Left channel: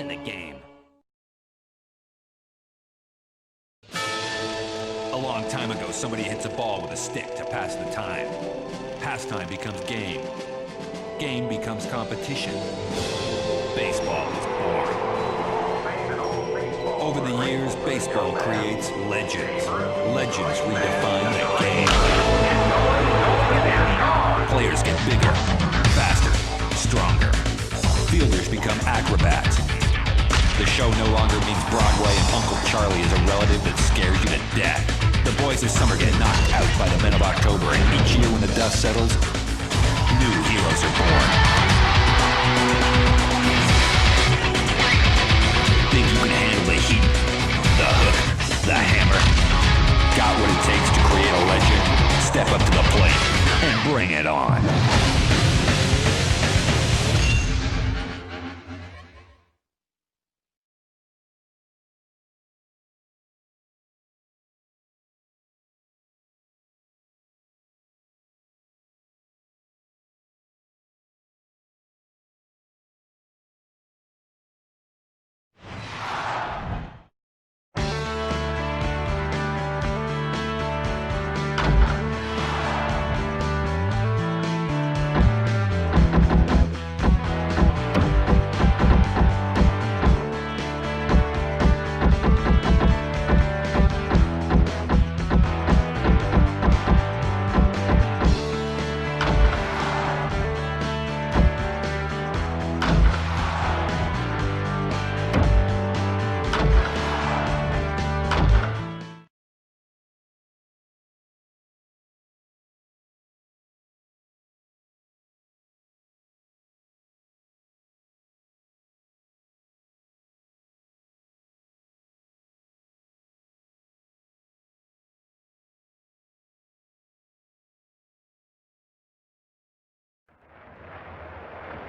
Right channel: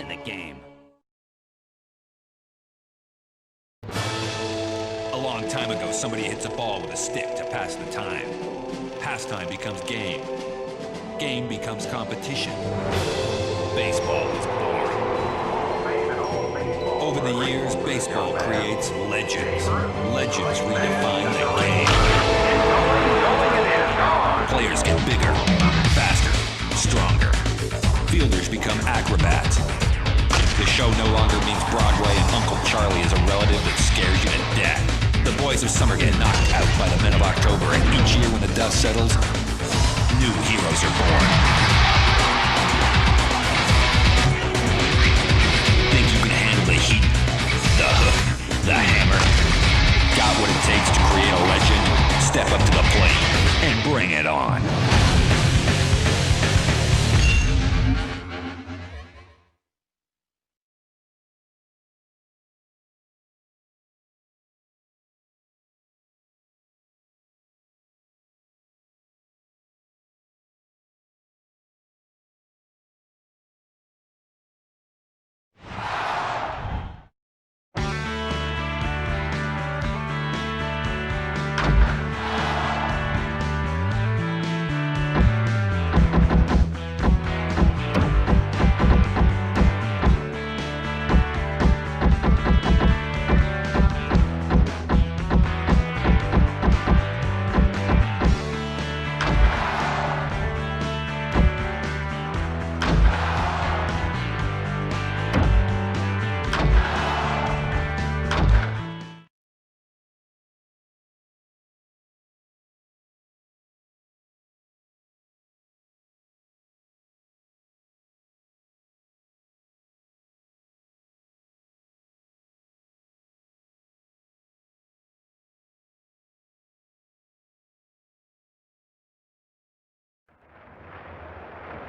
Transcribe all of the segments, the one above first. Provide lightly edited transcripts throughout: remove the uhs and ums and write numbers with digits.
in the game. A long time ago, somebody hits a ball with a stick to pass the time. Pastime becomes game. Game becomes competition. Baseball is born. Over the years, baseball creates legends. Legends redefine the game. Players get bigger, faster, stronger. Fielders become acrobats. The show no longer means Broadway and Uncle Charlie is a relative that scares you to death. The boys of summer get knocked out by the men of October, and each year when the dust settles, new heroes are born. Think you can handle the heat, the hook, the hammer? Got what it takes to create a legend? Step up to the plate and bring it on.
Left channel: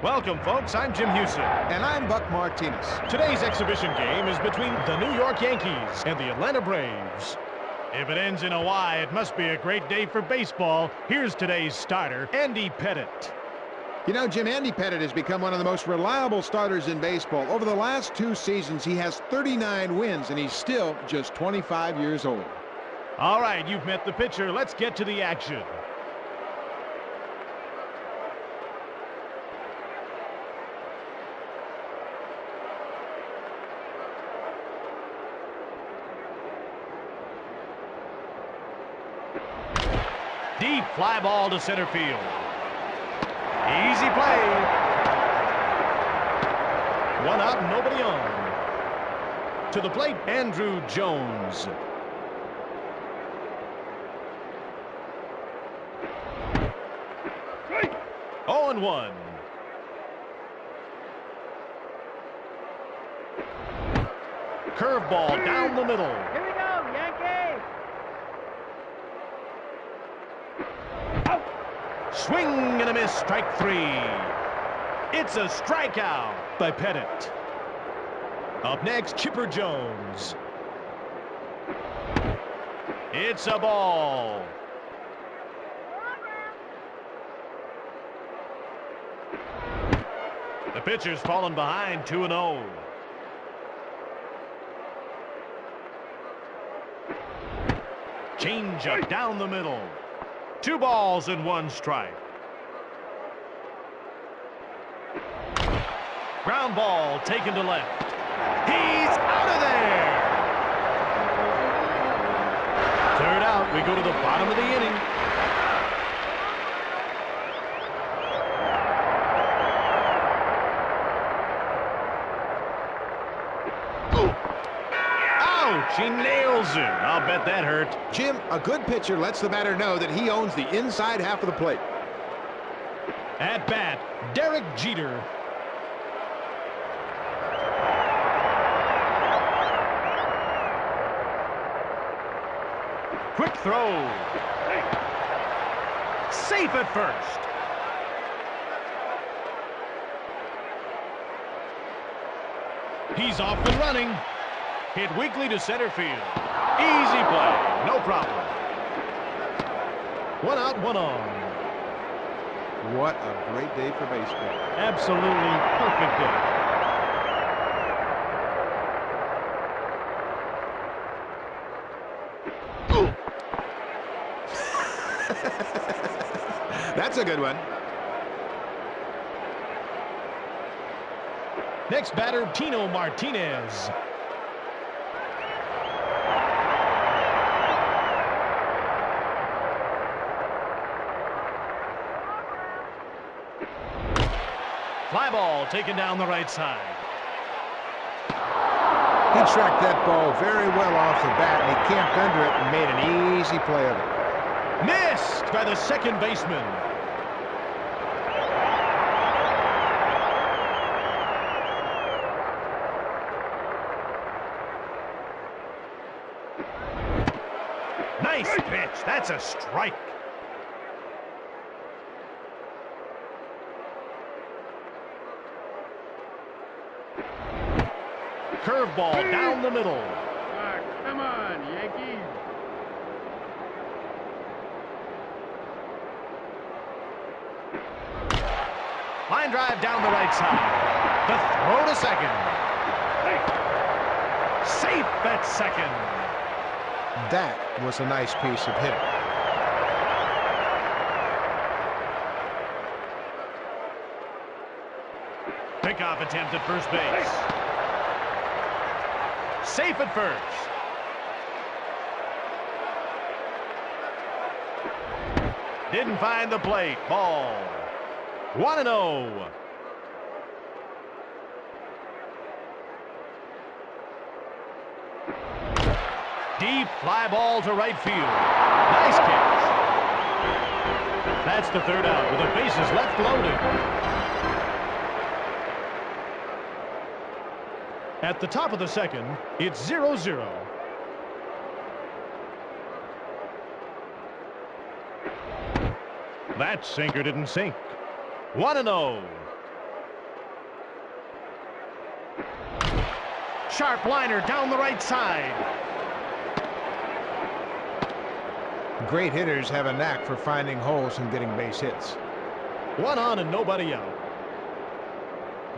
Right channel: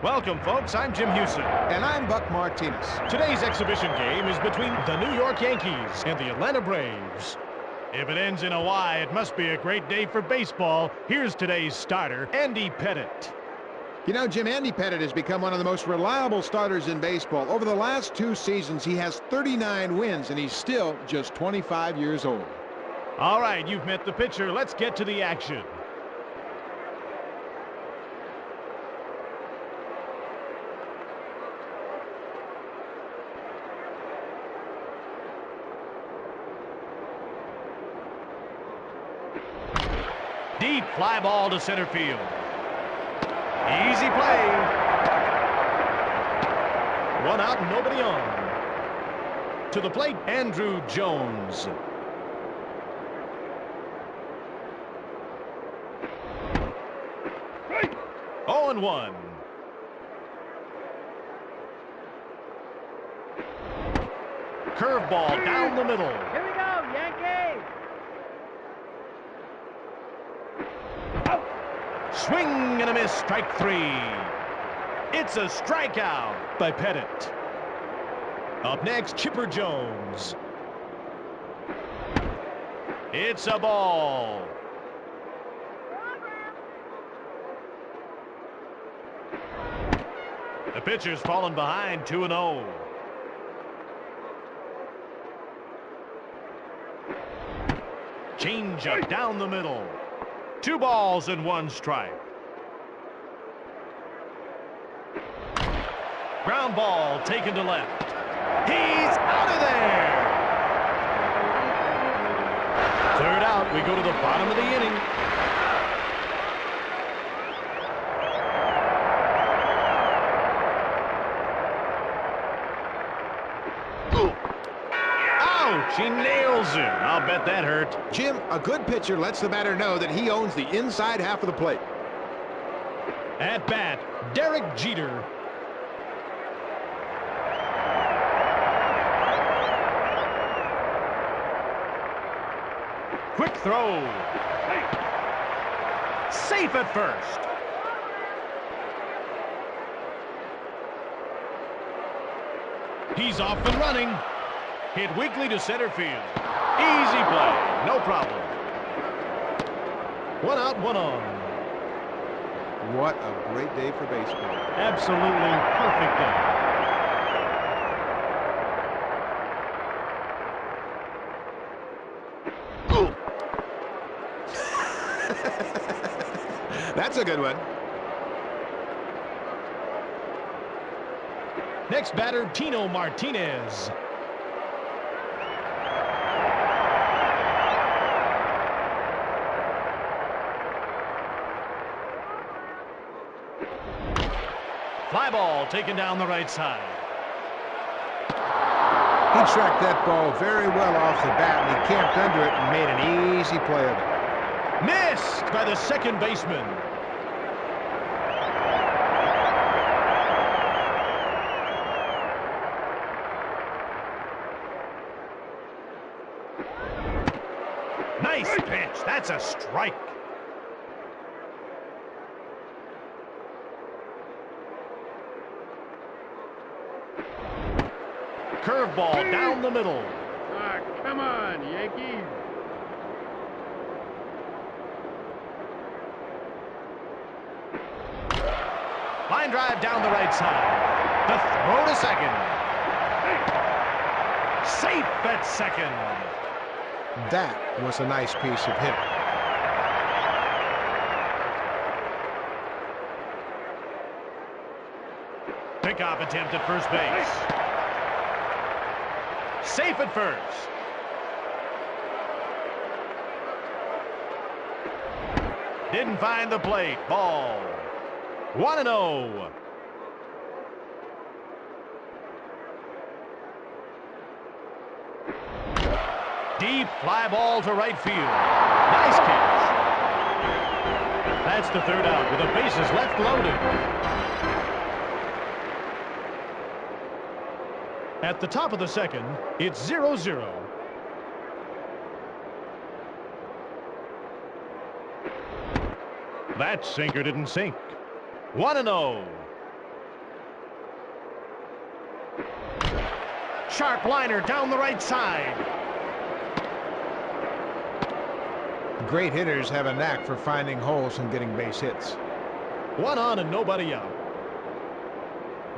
Welcome, folks. I'm Jim Houston. And I'm Buck Martinez. Today's exhibition game is between the New York Yankees and the Atlanta Braves. If it ends in a Y, it must be a great day for baseball. Here's today's starter, Andy Pettitte. You know, Jim, Andy Pettitte has become one of the most reliable starters in baseball. Over the last 2 seasons, he has 39 wins, and he's still just 25 years old. All right, you've met the pitcher. Let's get to the action. Deep fly ball to center field. Easy play. 1 out, nobody on. To the plate, Andrew Jones. Right. 0-1. Curveball down the middle. Here we go, Yankees! Swing and a miss, strike 3. It's a strikeout by Pettitte. Up next, Chipper Jones. It's a ball. The pitcher's fallen behind 2-0. Change-up down the middle. 2 balls and 1 strike. Ground ball taken to left. He's out of there. 3rd out. We go to the bottom of the inning. Ouch! He nails him. I'll bet that hurt. Jim, a good pitcher lets the batter know that he owns the inside half of the plate. At bat, Derek Jeter. Quick throw. Safe at first. He's off and running. Hit weakly to center field. Easy play. No problem. 1 out, 1 on. What a great day for baseball. Absolutely perfect day. That's a good one. Next batter, Tino Martinez. Fly ball taken down the right side. He tracked that ball very well off the bat, and he camped under it and made an easy play of it. Missed by the second baseman. Nice pitch. That's a strike. Curveball down the middle. Come on, Yankees. Line drive down the right side. The throw to second. Safe at second. That was a nice piece of hitting. Pickoff attempt at first base. Safe at first. Didn't find the plate. Ball. 1-0. Deep fly ball to right field. Nice catch. That's the third out with the bases left loaded. At the top of the second, it's 0-0. That sinker didn't sink. 1-0. Sharp liner down the right side. Great hitters have a knack for finding holes and getting base hits. One on and nobody out.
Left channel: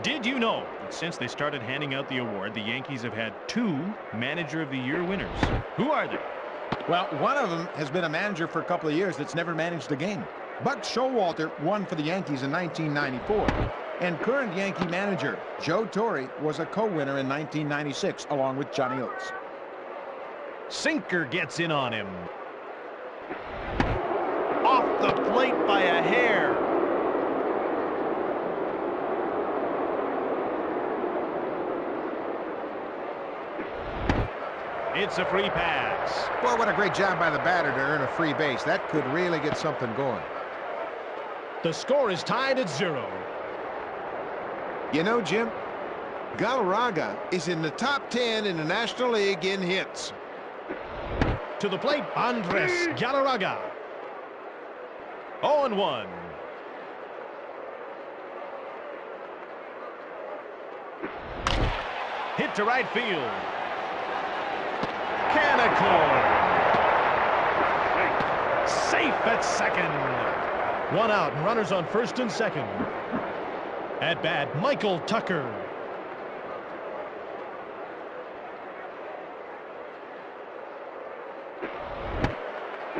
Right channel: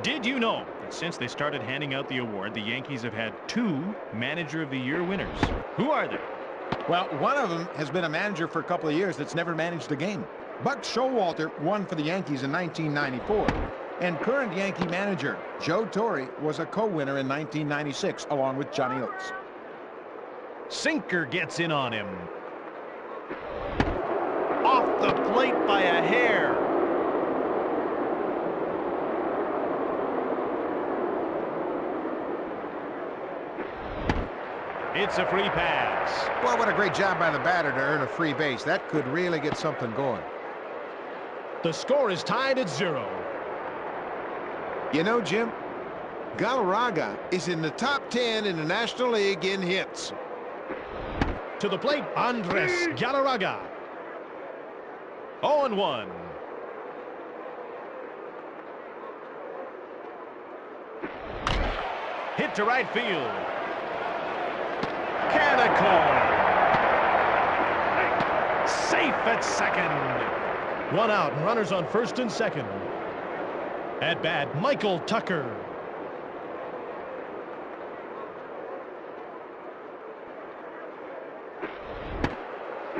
Did you know that since they started handing out the award, the Yankees have had 2 Manager of the Year winners? Who are they? Well, one of them has been a manager for a couple of years that's never managed a game. Buck Showalter won for the Yankees in 1994. And current Yankee manager Joe Torre was a co-winner in 1996 along with Johnny Oates. Sinker gets in on him. Off the plate by a hair. It's a free pass. Boy, what a great job by the batter to earn a free base. That could really get something going. The score is tied at 0. You know, Jim, Galarraga is in the top 10 in the National League in hits. To the plate, Andres Galarraga. 0-1. Hit to right field. Can of corn. Safe at second. One out and runners on first and second. At bat, Michael Tucker.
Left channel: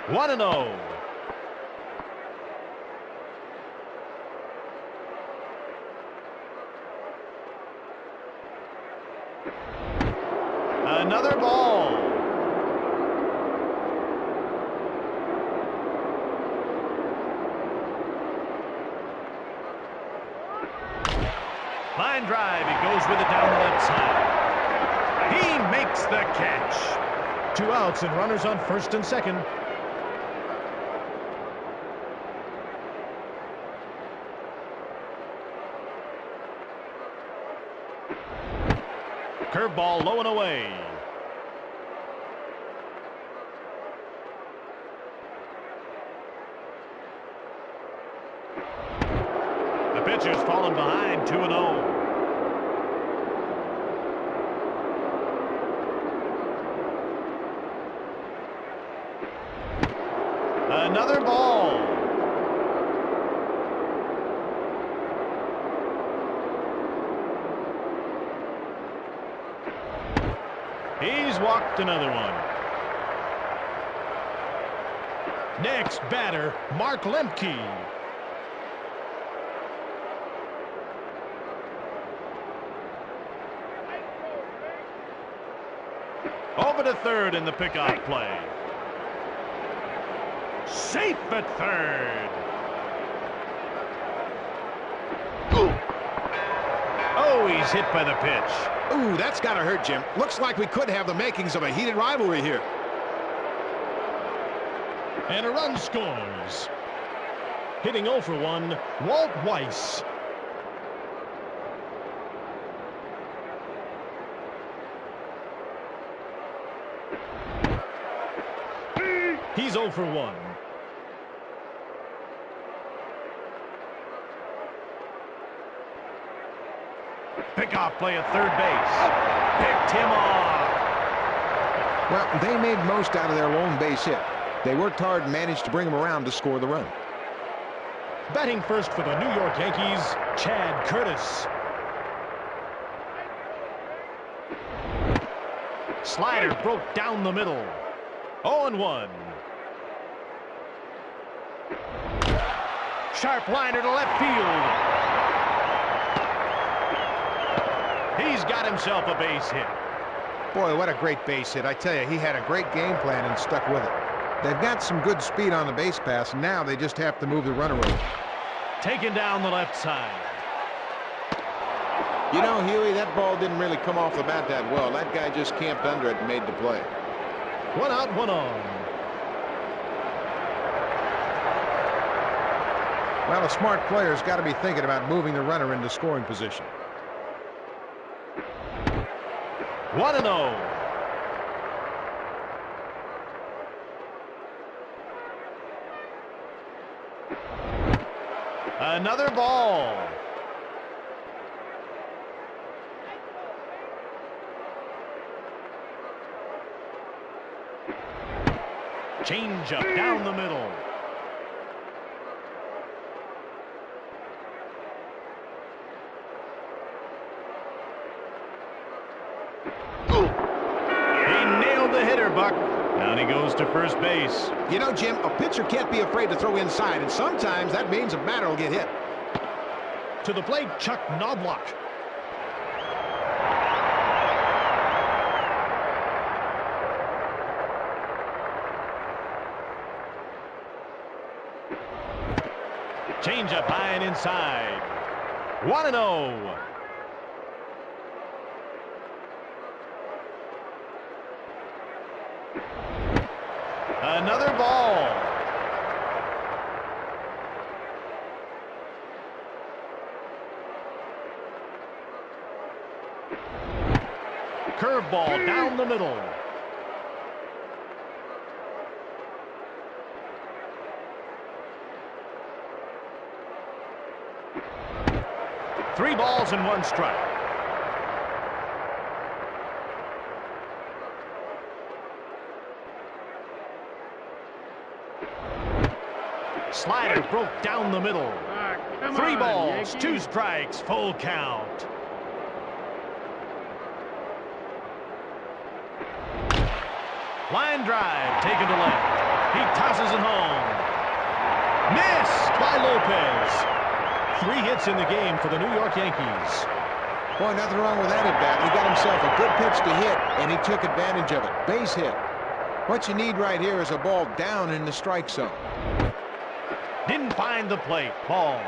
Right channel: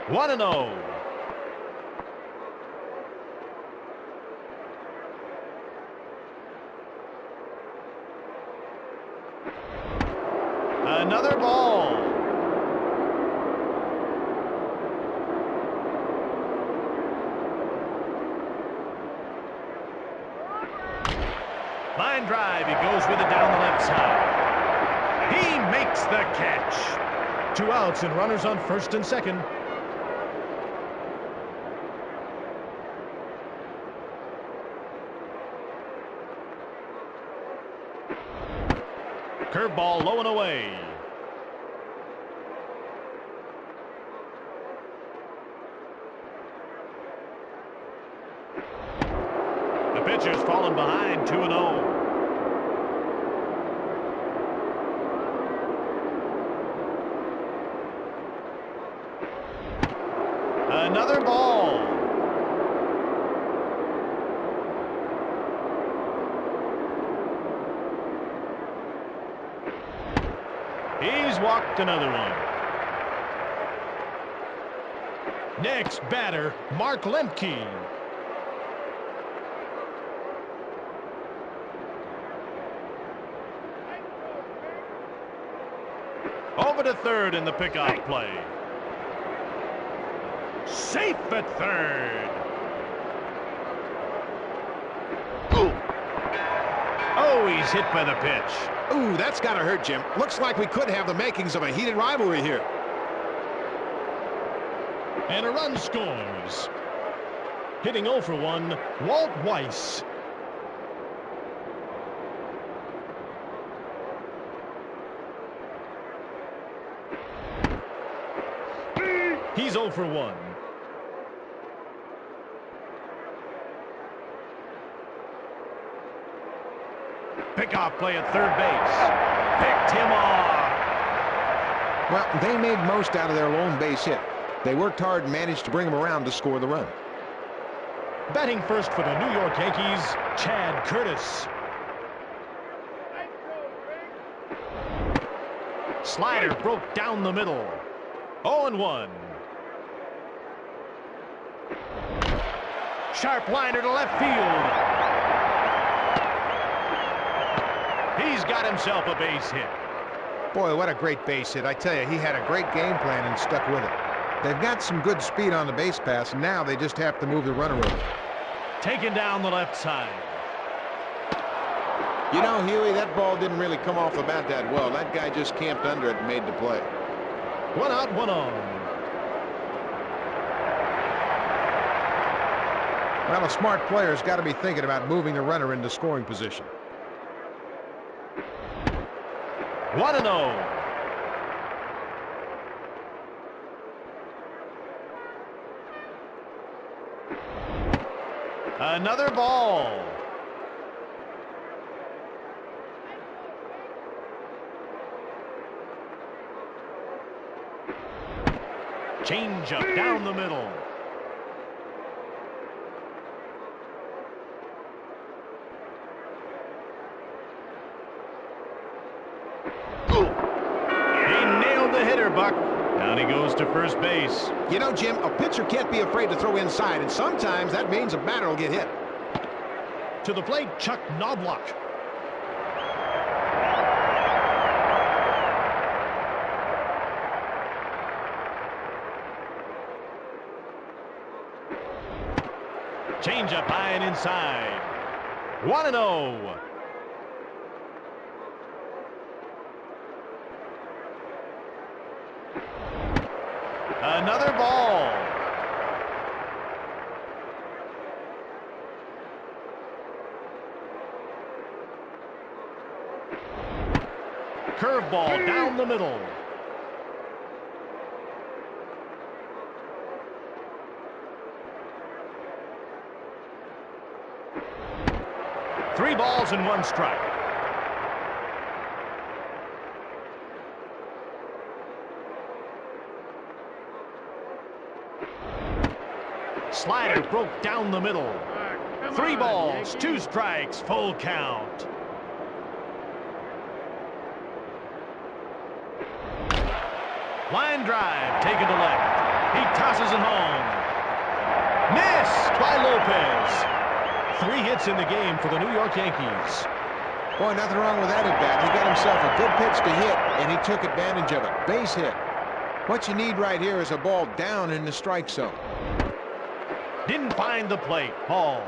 One and 0. Another ball. Line drive. He goes with it down the left side. He makes the catch. 2 outs and runners on first and second. Curveball low and away. The pitcher's fallen behind 2-0. Another ball. He's walked another one. Next batter, Mark Lemke. Over to third in the pickoff play. Safe at third. Oh, he's hit by the pitch. Ooh, that's got to hurt, Jim. Looks like we could have the makings of a heated rivalry here. And a run scores. Hitting 0 for 1, Walt Weiss. He's 0 for 1. Pickoff play at third base. Picked him off. Well, they made most out of their lone base hit. They worked hard and managed to bring him around to score the run. Batting first for the New York Yankees, Chad Curtis. Slider broke down the middle. 0-1. Sharp liner to left field. He's got himself a base hit. Boy, what a great base hit. I tell you, he had a great game plan and stuck with it. They've got some good speed on the base pass, and now they just have to move the runner over. Taken down the left side. You know, Huey, that ball didn't really come off the bat that well. That guy just camped under it and made the play. 1 out, 1 on. Well, a smart player's got to be thinking about moving the runner into scoring position. 1-0. Another ball. Change up down the middle. He nailed the hitter, Buck. Down he goes to first base. You know, Jim, a pitcher can't be afraid to throw inside, and sometimes that means a batter will get hit. To the plate, Chuck Knobloch. Change up high and inside. 1-0. Another ball. Curveball down the middle. Three balls and one strike. Slider broke down the middle. Three balls, two strikes, full count. Line drive taken to left. He tosses it home. Missed by Lopez. 3 hits in the game for the New York Yankees. Boy, nothing wrong with that at bat. He got himself a good pitch to hit, and he took advantage of it. Base hit. What you need right here is a ball down in the strike zone. Didn't find the plate. Ball.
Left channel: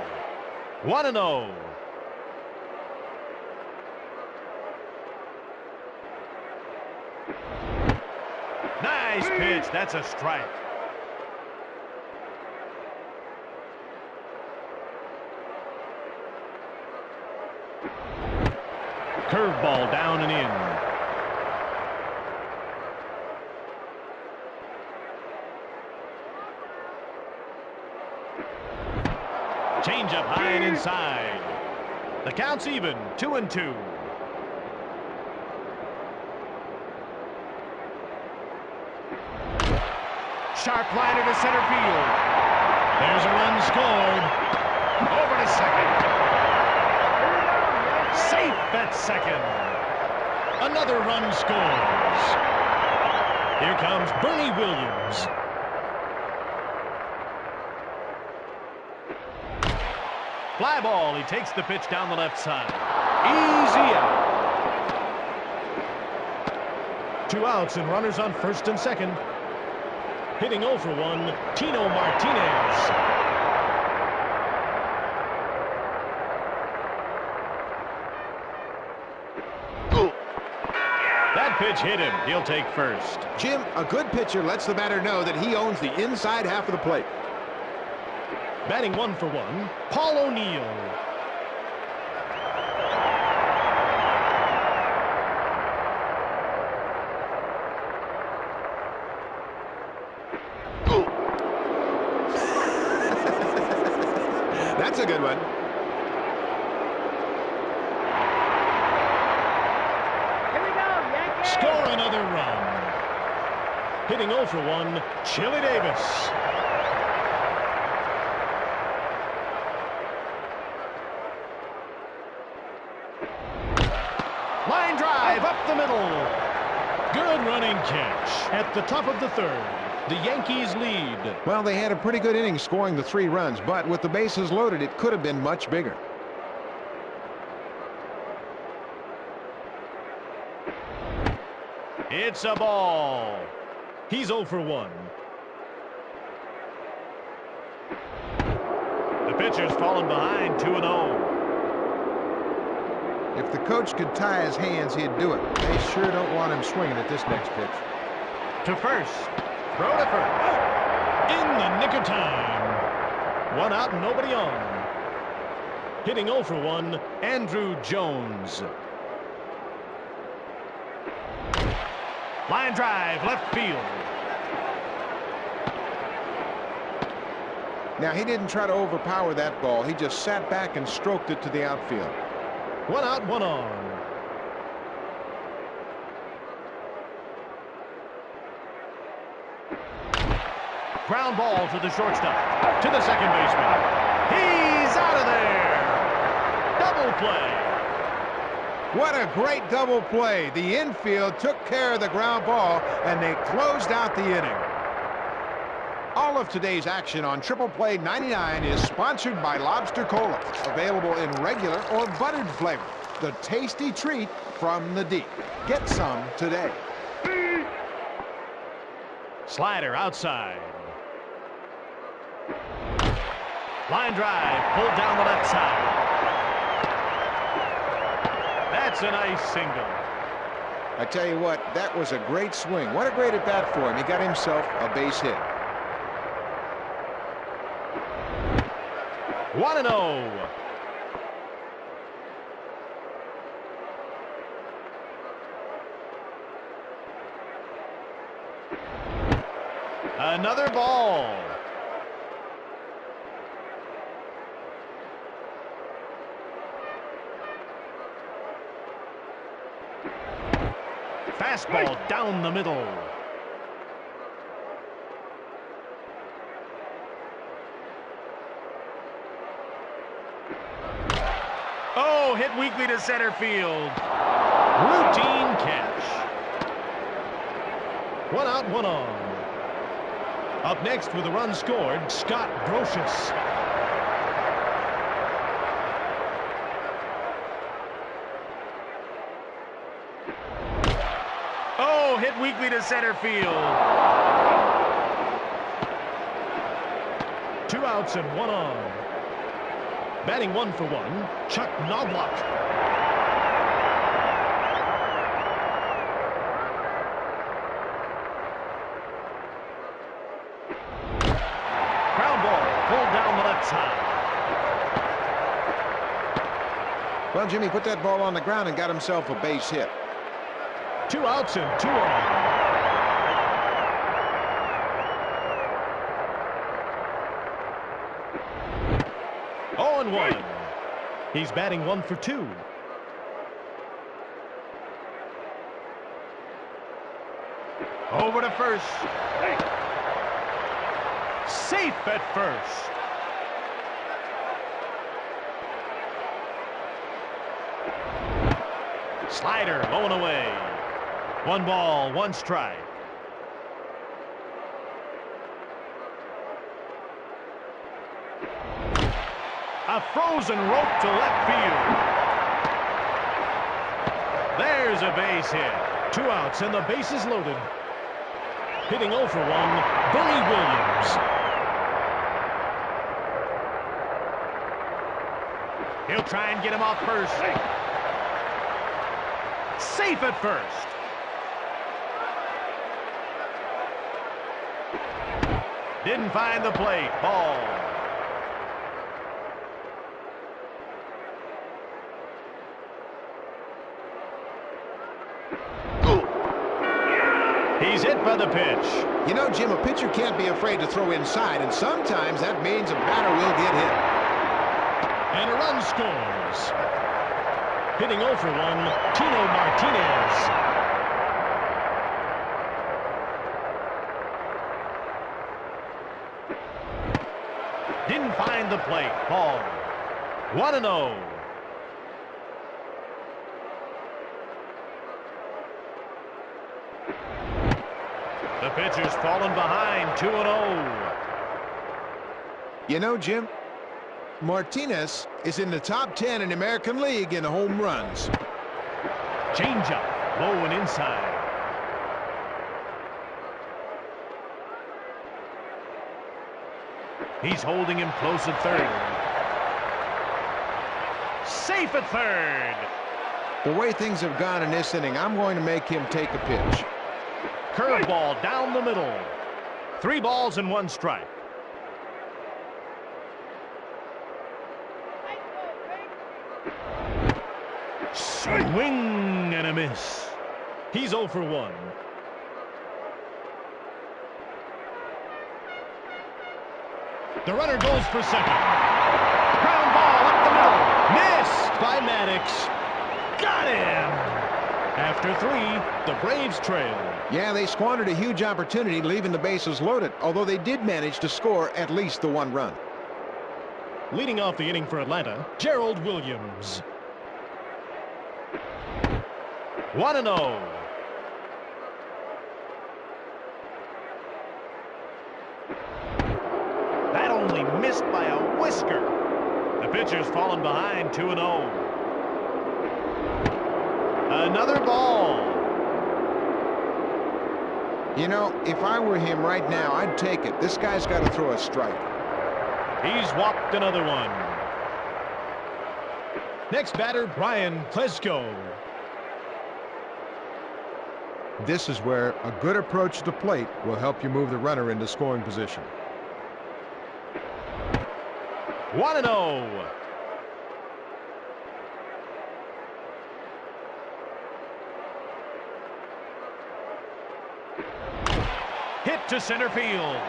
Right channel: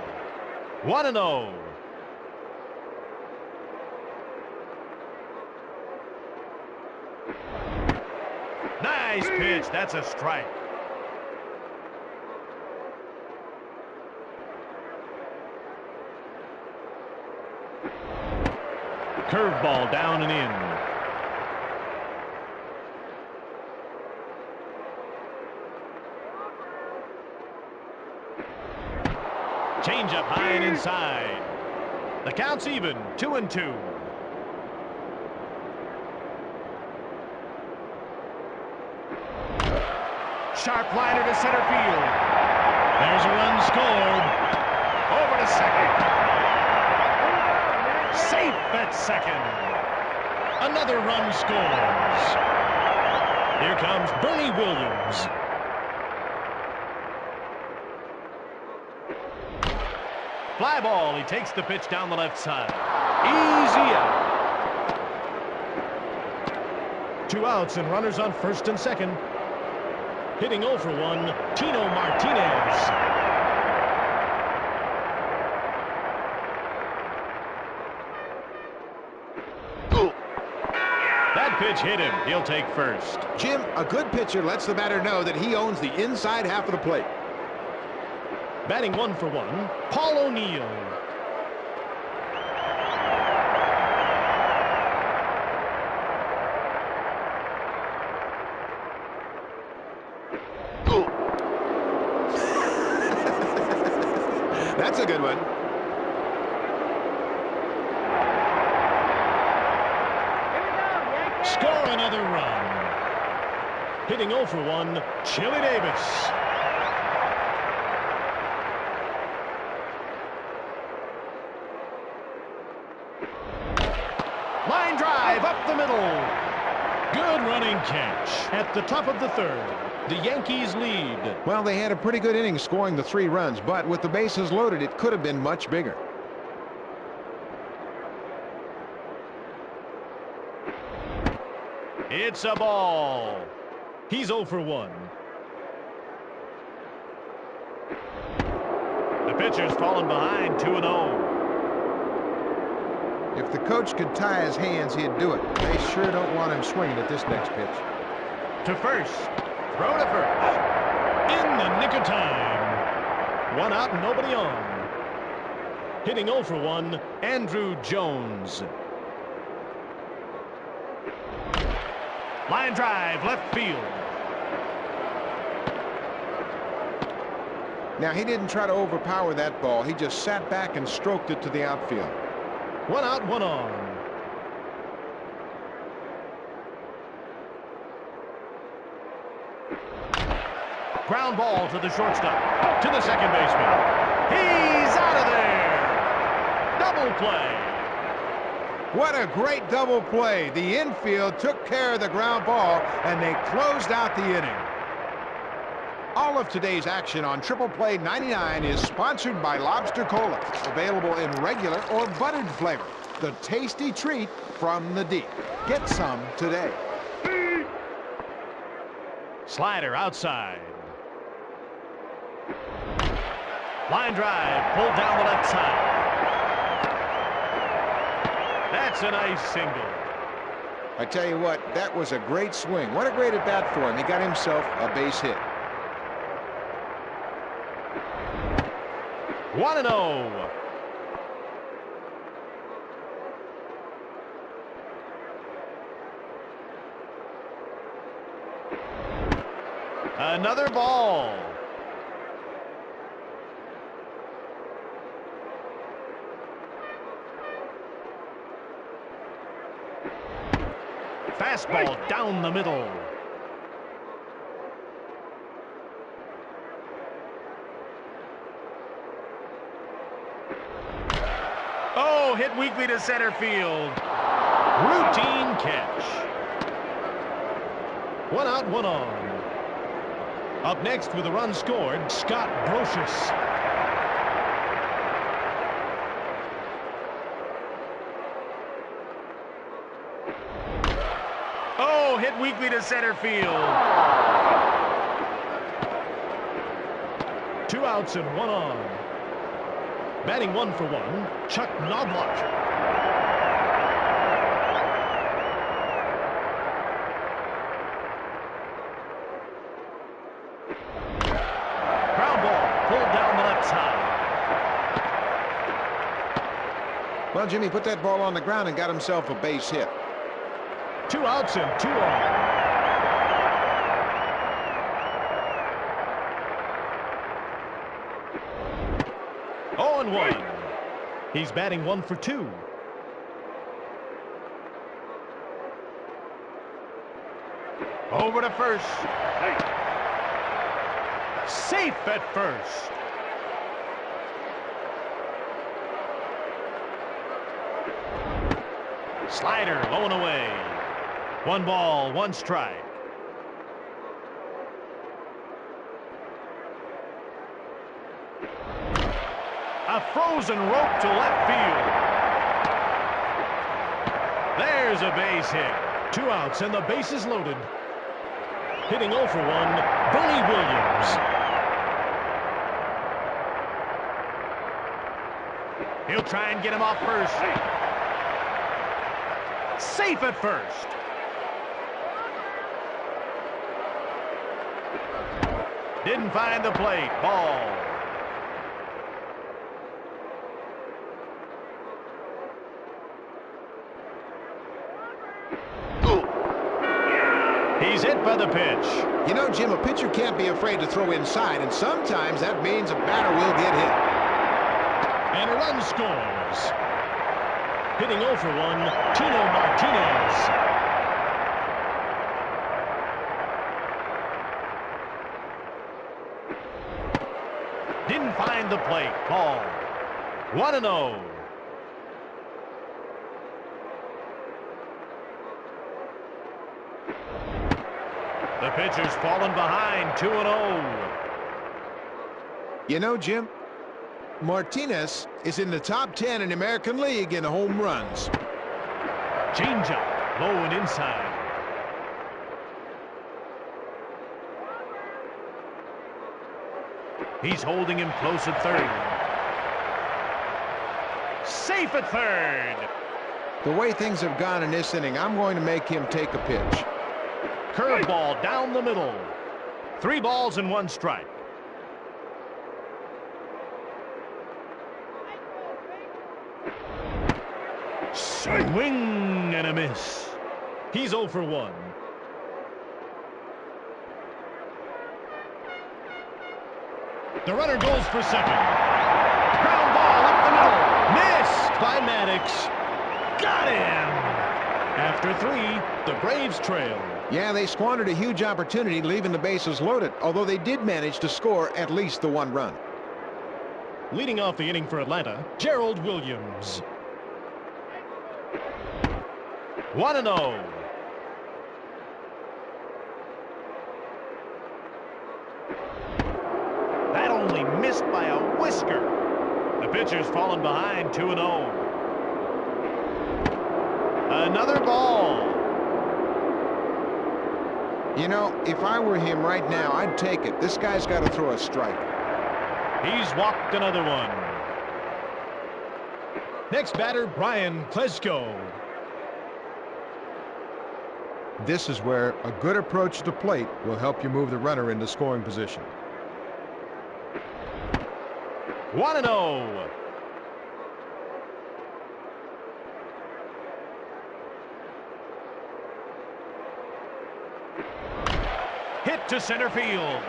1-0. Nice pitch. That's a strike. Curveball down and in. Change up high and inside. The count's even, 2-2. Sharp liner to center field. There's a run scored. Over to second. Safe at second. Another run scores. Here comes Bernie Williams. Fly ball. He takes the pitch down the left side. Easy out. 2 outs and runners on first and second. Hitting 0 for 1, Tino Martinez. That pitch hit him. He'll take first. Jim, a good pitcher lets the batter know that he owns the inside half of the plate. Batting 1 for 1, Paul O'Neill. That's a good one. Here we go, Yankees! Score another run. Hitting 0 for 1, Chili Davis. Line drive up the middle. Good running catch. At the top of the third, the Yankees lead. Well, they had a pretty good inning scoring the 3 runs, but with the bases loaded, it could have been much bigger. It's a ball. He's 0 for 1. The pitcher's fallen behind 2-0. If the coach could tie his hands, he'd do it. They sure don't want him swinging at this next pitch. To first. Throw to first. In the nick of time. 1 out and nobody on. Hitting 0 for 1, Andrew Jones. Line drive, left field. Now, he didn't try to overpower that ball. He just sat back and stroked it to the outfield. 1 out, 1 on. Ground ball to the shortstop. To the second baseman. He's out of there. Double play. What a great double play. The infield took care of the ground ball, and they closed out the inning. All of today's action on Triple Play 99 is sponsored by Lobster Cola, available in regular or buttered flavor. The tasty treat from the deep. Get some today. Slider outside. Line drive pulled down the left side. That's a nice single. I tell you what, that was a great swing. What a great at bat for him. He got himself a base hit. 1-0. Another ball. Fastball down the middle. Oh, hit weakly to center field. Routine catch. 1 out, 1 on. Up next with a run scored, Scott Brocious. Oh, hit weakly to center field. 2 outs and 1 on. Batting 1 for 1, Chuck Knobloch. Ground ball pulled down the left side. Well, Jimmy put that ball on the ground and got himself a base hit. 2 outs and 2 on. Oh, and 1. He's batting 1 for 2. Over to first. Safe at first. Slider low and away. 1 ball, 1 strike. A frozen rope to left field. There's a base hit. 2 outs and the base is loaded. Hitting 0 for 1, Bernie Williams. He'll try and get him off first. Safe at first. Didn't find the plate. Ball. He's hit by the pitch. You know, Jim, a pitcher can't be afraid to throw inside, and sometimes that means a batter will get hit. And a run scores. Hitting 0 for 1, Tino Martinez. Didn't find the plate. Ball. 1-0. The pitcher's fallen behind, 2-0. You know, Jim, Martinez is in the top 10 in the American League in home runs. Changeup, low and inside. He's holding him close at third. Safe at third. The way things have gone in this inning, I'm going to make him take a pitch. Curveball down the middle. 3 balls and 1 strike. Swing and a miss. He's 0 for 1. The runner goes for second. Ground ball up the middle. Missed by Maddox. Got him. After 3, the Braves trail. Yeah, they squandered a huge opportunity leaving the bases loaded, although they did manage to score at least the 1 run. Leading off the inning for Atlanta, Gerald Williams. 1-0. That only missed by a whisker. The pitcher's fallen behind, 2-0. Another ball. You know, if I were him right now, I'd take it. This guy's got to throw a strike. He's walked another one. Next batter, Brian Klesko. This is where a good approach to the plate will help you move the runner into scoring position. 1-0. Hit to center field.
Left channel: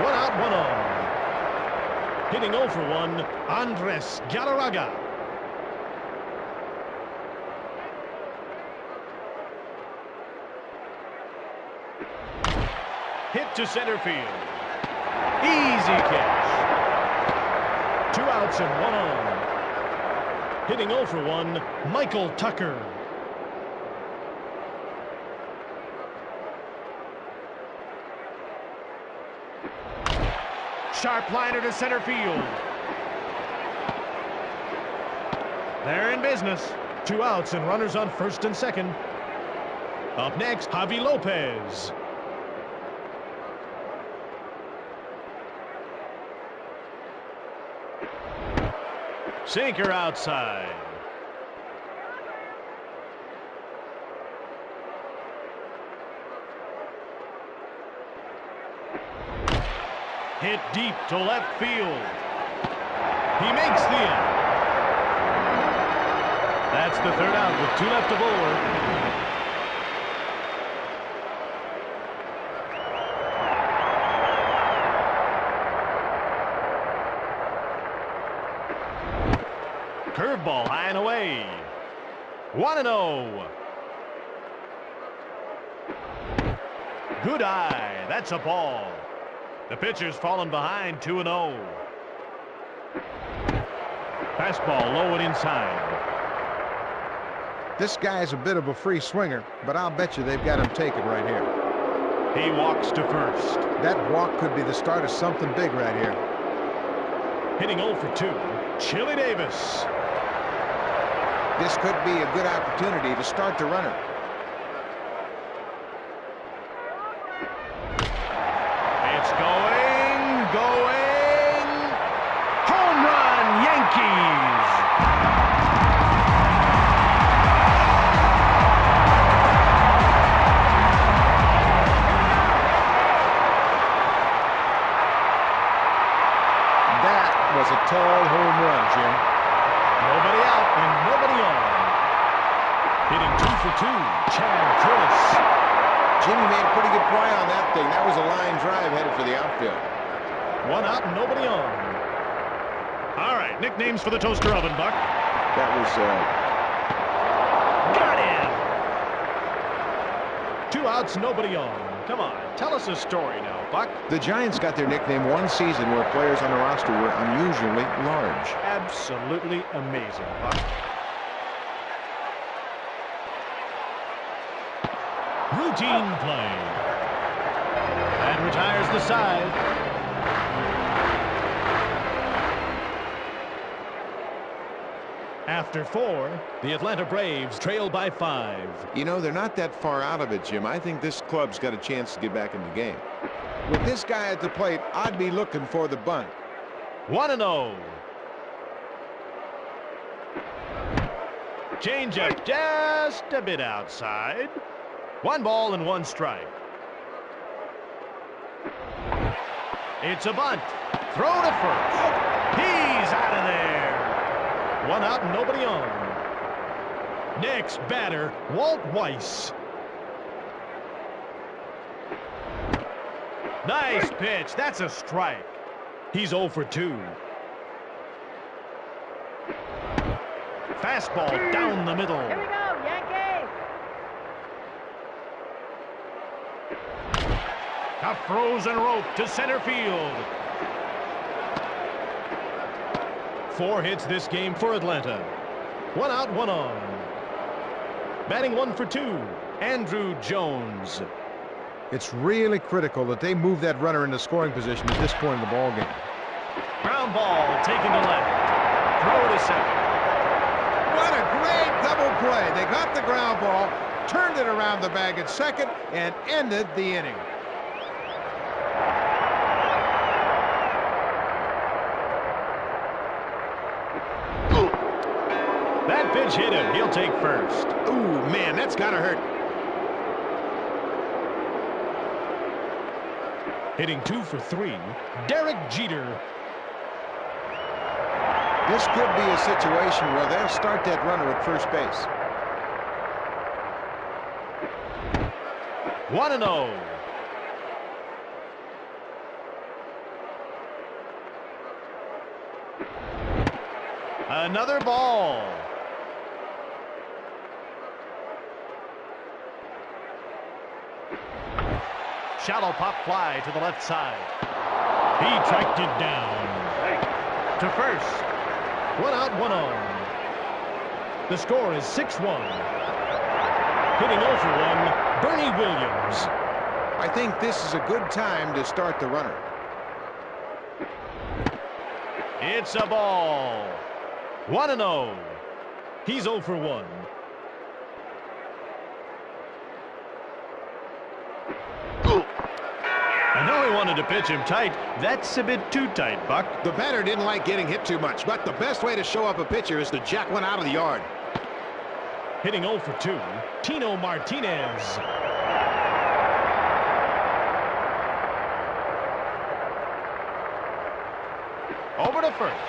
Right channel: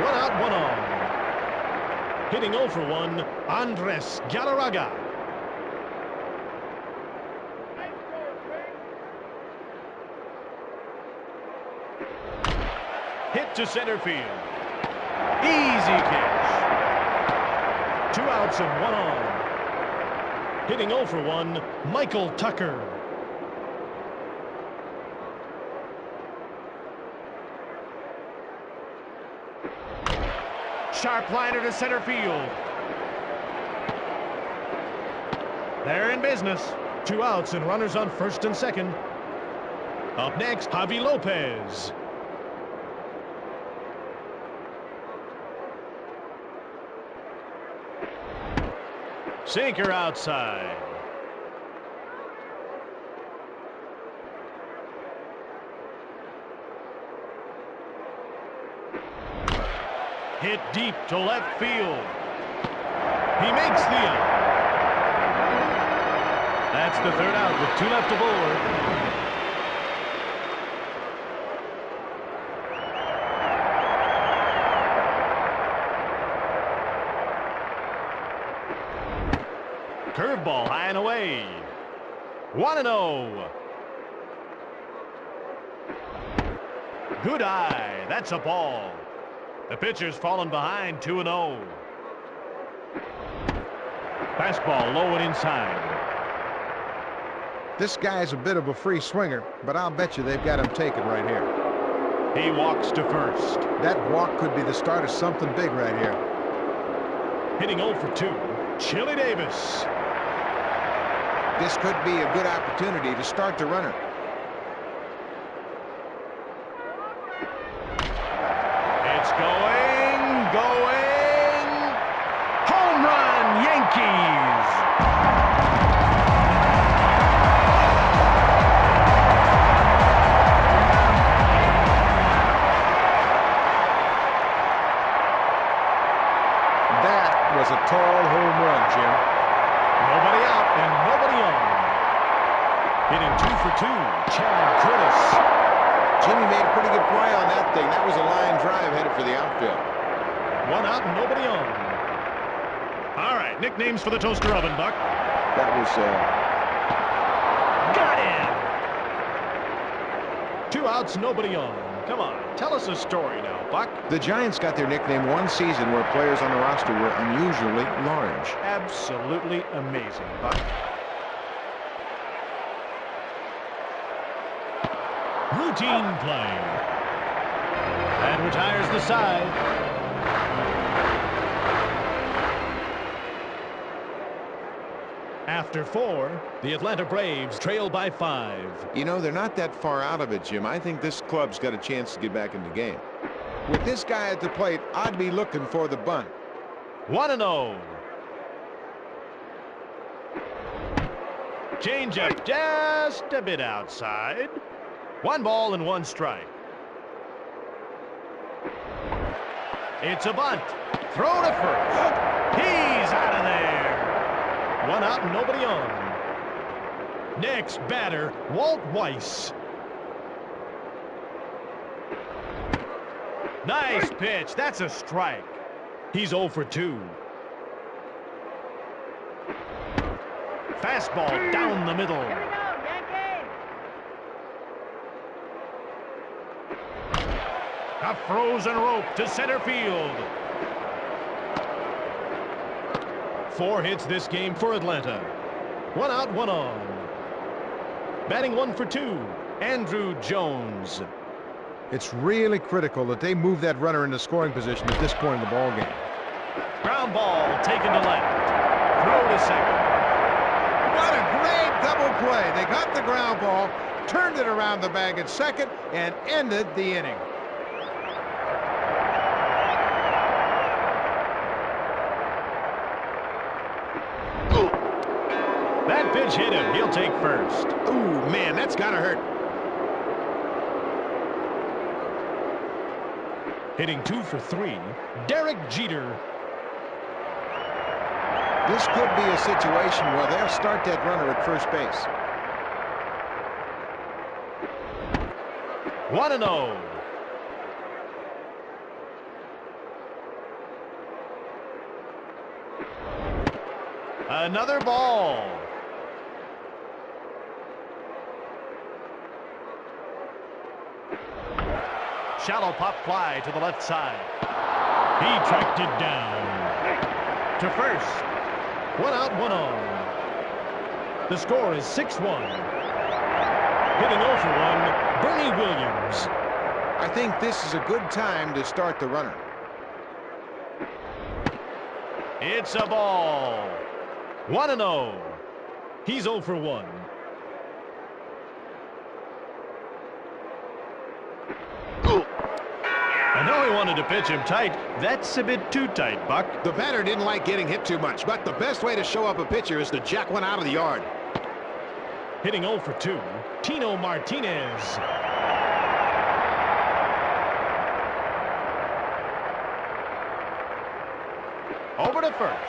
1 out, 1 on. Hitting 0 for 1, Andres Galarraga. Hit to center field. Easy catch. 2 outs and 1 on. Hitting 0 for 1, Michael Tucker. Sharp liner to center field. They're in business. 2 outs and runners on first and second. Up next, Javi Lopez. Sinker outside. Hit deep to left field. He makes the out. That's the 3rd out with 2 left aboard. Curveball high and away. 1-0. Good eye. That's a ball. The pitcher's fallen behind, 2-0. Fastball low and inside. This guy's a bit of a free swinger, but I'll bet you they've got him taken right here. He walks to first. That walk could be the start of something big right here. Hitting 0 for 2, Chili Davis. This could be a good opportunity to start the runner. It's going. Home run, Yankees. That was a tall home run, Jim. Nobody out and nobody on. Hitting 2 for 2, Chad Curtis. Jimmy made a pretty good play on that thing. That was a line drive headed for the outfield. 1 out and nobody on. All right, nicknames for the toaster oven, Buck. That was, Got him! 2 outs, nobody on. Come on, tell us a story now, Buck. the Giants got their nickname one season where players on the roster were unusually large. Absolutely amazing, Buck. Routine play. And retires the side. After 4, the Atlanta Braves trail by 5. You know, they're not that far out of it, Jim. I think this club's got a chance to get back in the game. With this guy at the plate, I'd be looking for the bunt. 1-0. Changeup just a bit outside. 1 ball and 1 strike. It's a bunt. Throw to first. He's out of there. 1 out and nobody on. Next batter, Walt Weiss. Nice pitch. That's a strike. He's 0 for 2. Fastball down the middle. Here we go, Yankee! A frozen rope to center field. 4 hits this game for Atlanta. 1 out, 1 on. Batting 1 for 2, Andrew Jones. It's really critical that they move that runner into scoring position at this point in the ballgame. Ground ball taken to left. Throw to second. What a great double play. They got the ground ball, turned it around the bag at second, and ended the inning. That pitch hit him. He'll take first. Ooh, man, that's gotta hurt. Hitting 2 for 3, Derek Jeter. This could be a situation where they'll start that runner at first base. 1-0. Another ball. Shallow pop fly to the left side. He tracked it down. To first. 1 out, 1 on. The score is 6-1. Hitting 0 for 1, Bernie Williams. I think this is a good time to start the runner. It's a ball. 1-0. He's 0 for 1. I know he wanted to pitch him tight. That's a bit too tight, Buck. The batter didn't like getting hit too much, but the best way to show up a pitcher is to jack one out of the yard. Hitting 0 for 2, Tino Martinez. Over to first.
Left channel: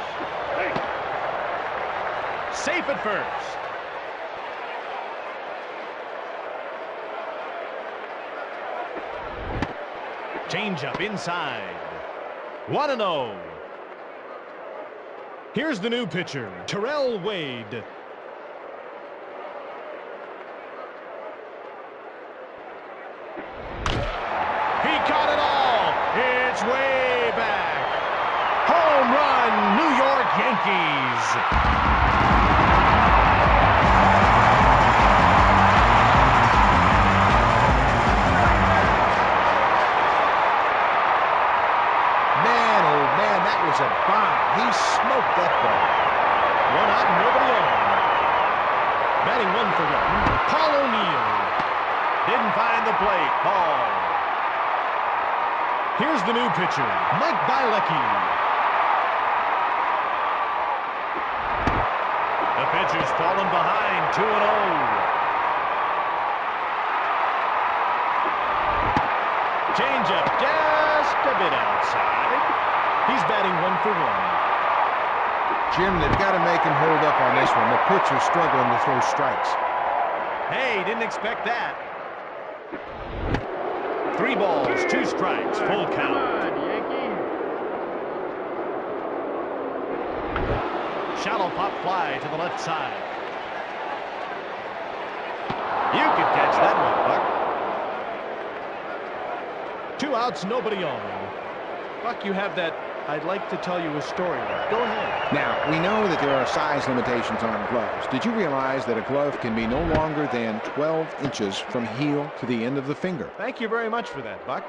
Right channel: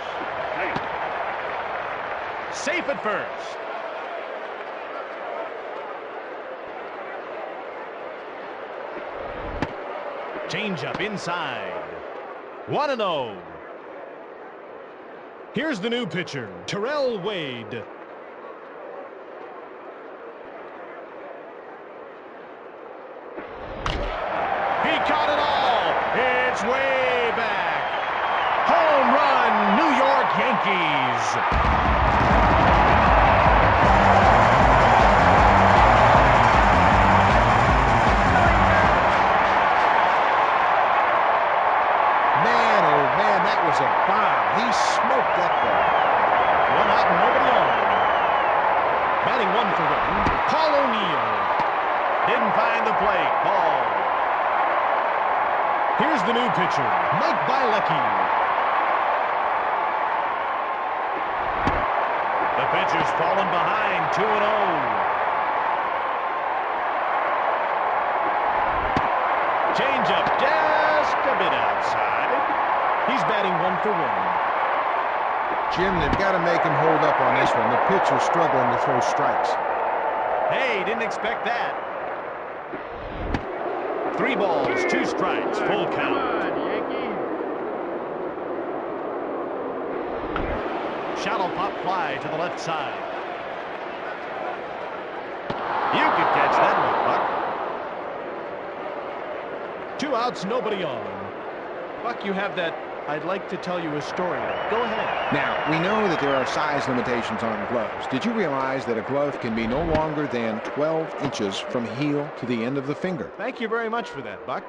Safe at first. Changeup inside. 1-0. Here's the new pitcher, Terrell Wade. He caught it all. It's way back. Home run, New York Yankees. nobody on. Batting 1 for 1, Paul O'Neill. Didn't find the plate. Ball. Here's the new pitcher, Mike Bielecki. The pitcher's fallen behind, 2-0. Changeup just a bit outside. He's batting 1 for 1. Jim, they've got to make him hold up on this one. The pitcher's struggling to throw strikes. Hey, didn't expect that. 3 balls, 2 strikes, full count. Come on, Yankees. Shallow pop fly to the left side. You could catch that one, Buck. 2 outs, nobody on. Buck, you have that I'd like to tell you a story. Go ahead. Now, we know that there are size limitations on gloves. Did you realize that a glove can be no longer than 12 inches from heel to the end of the finger? Thank you very much for that, Buck.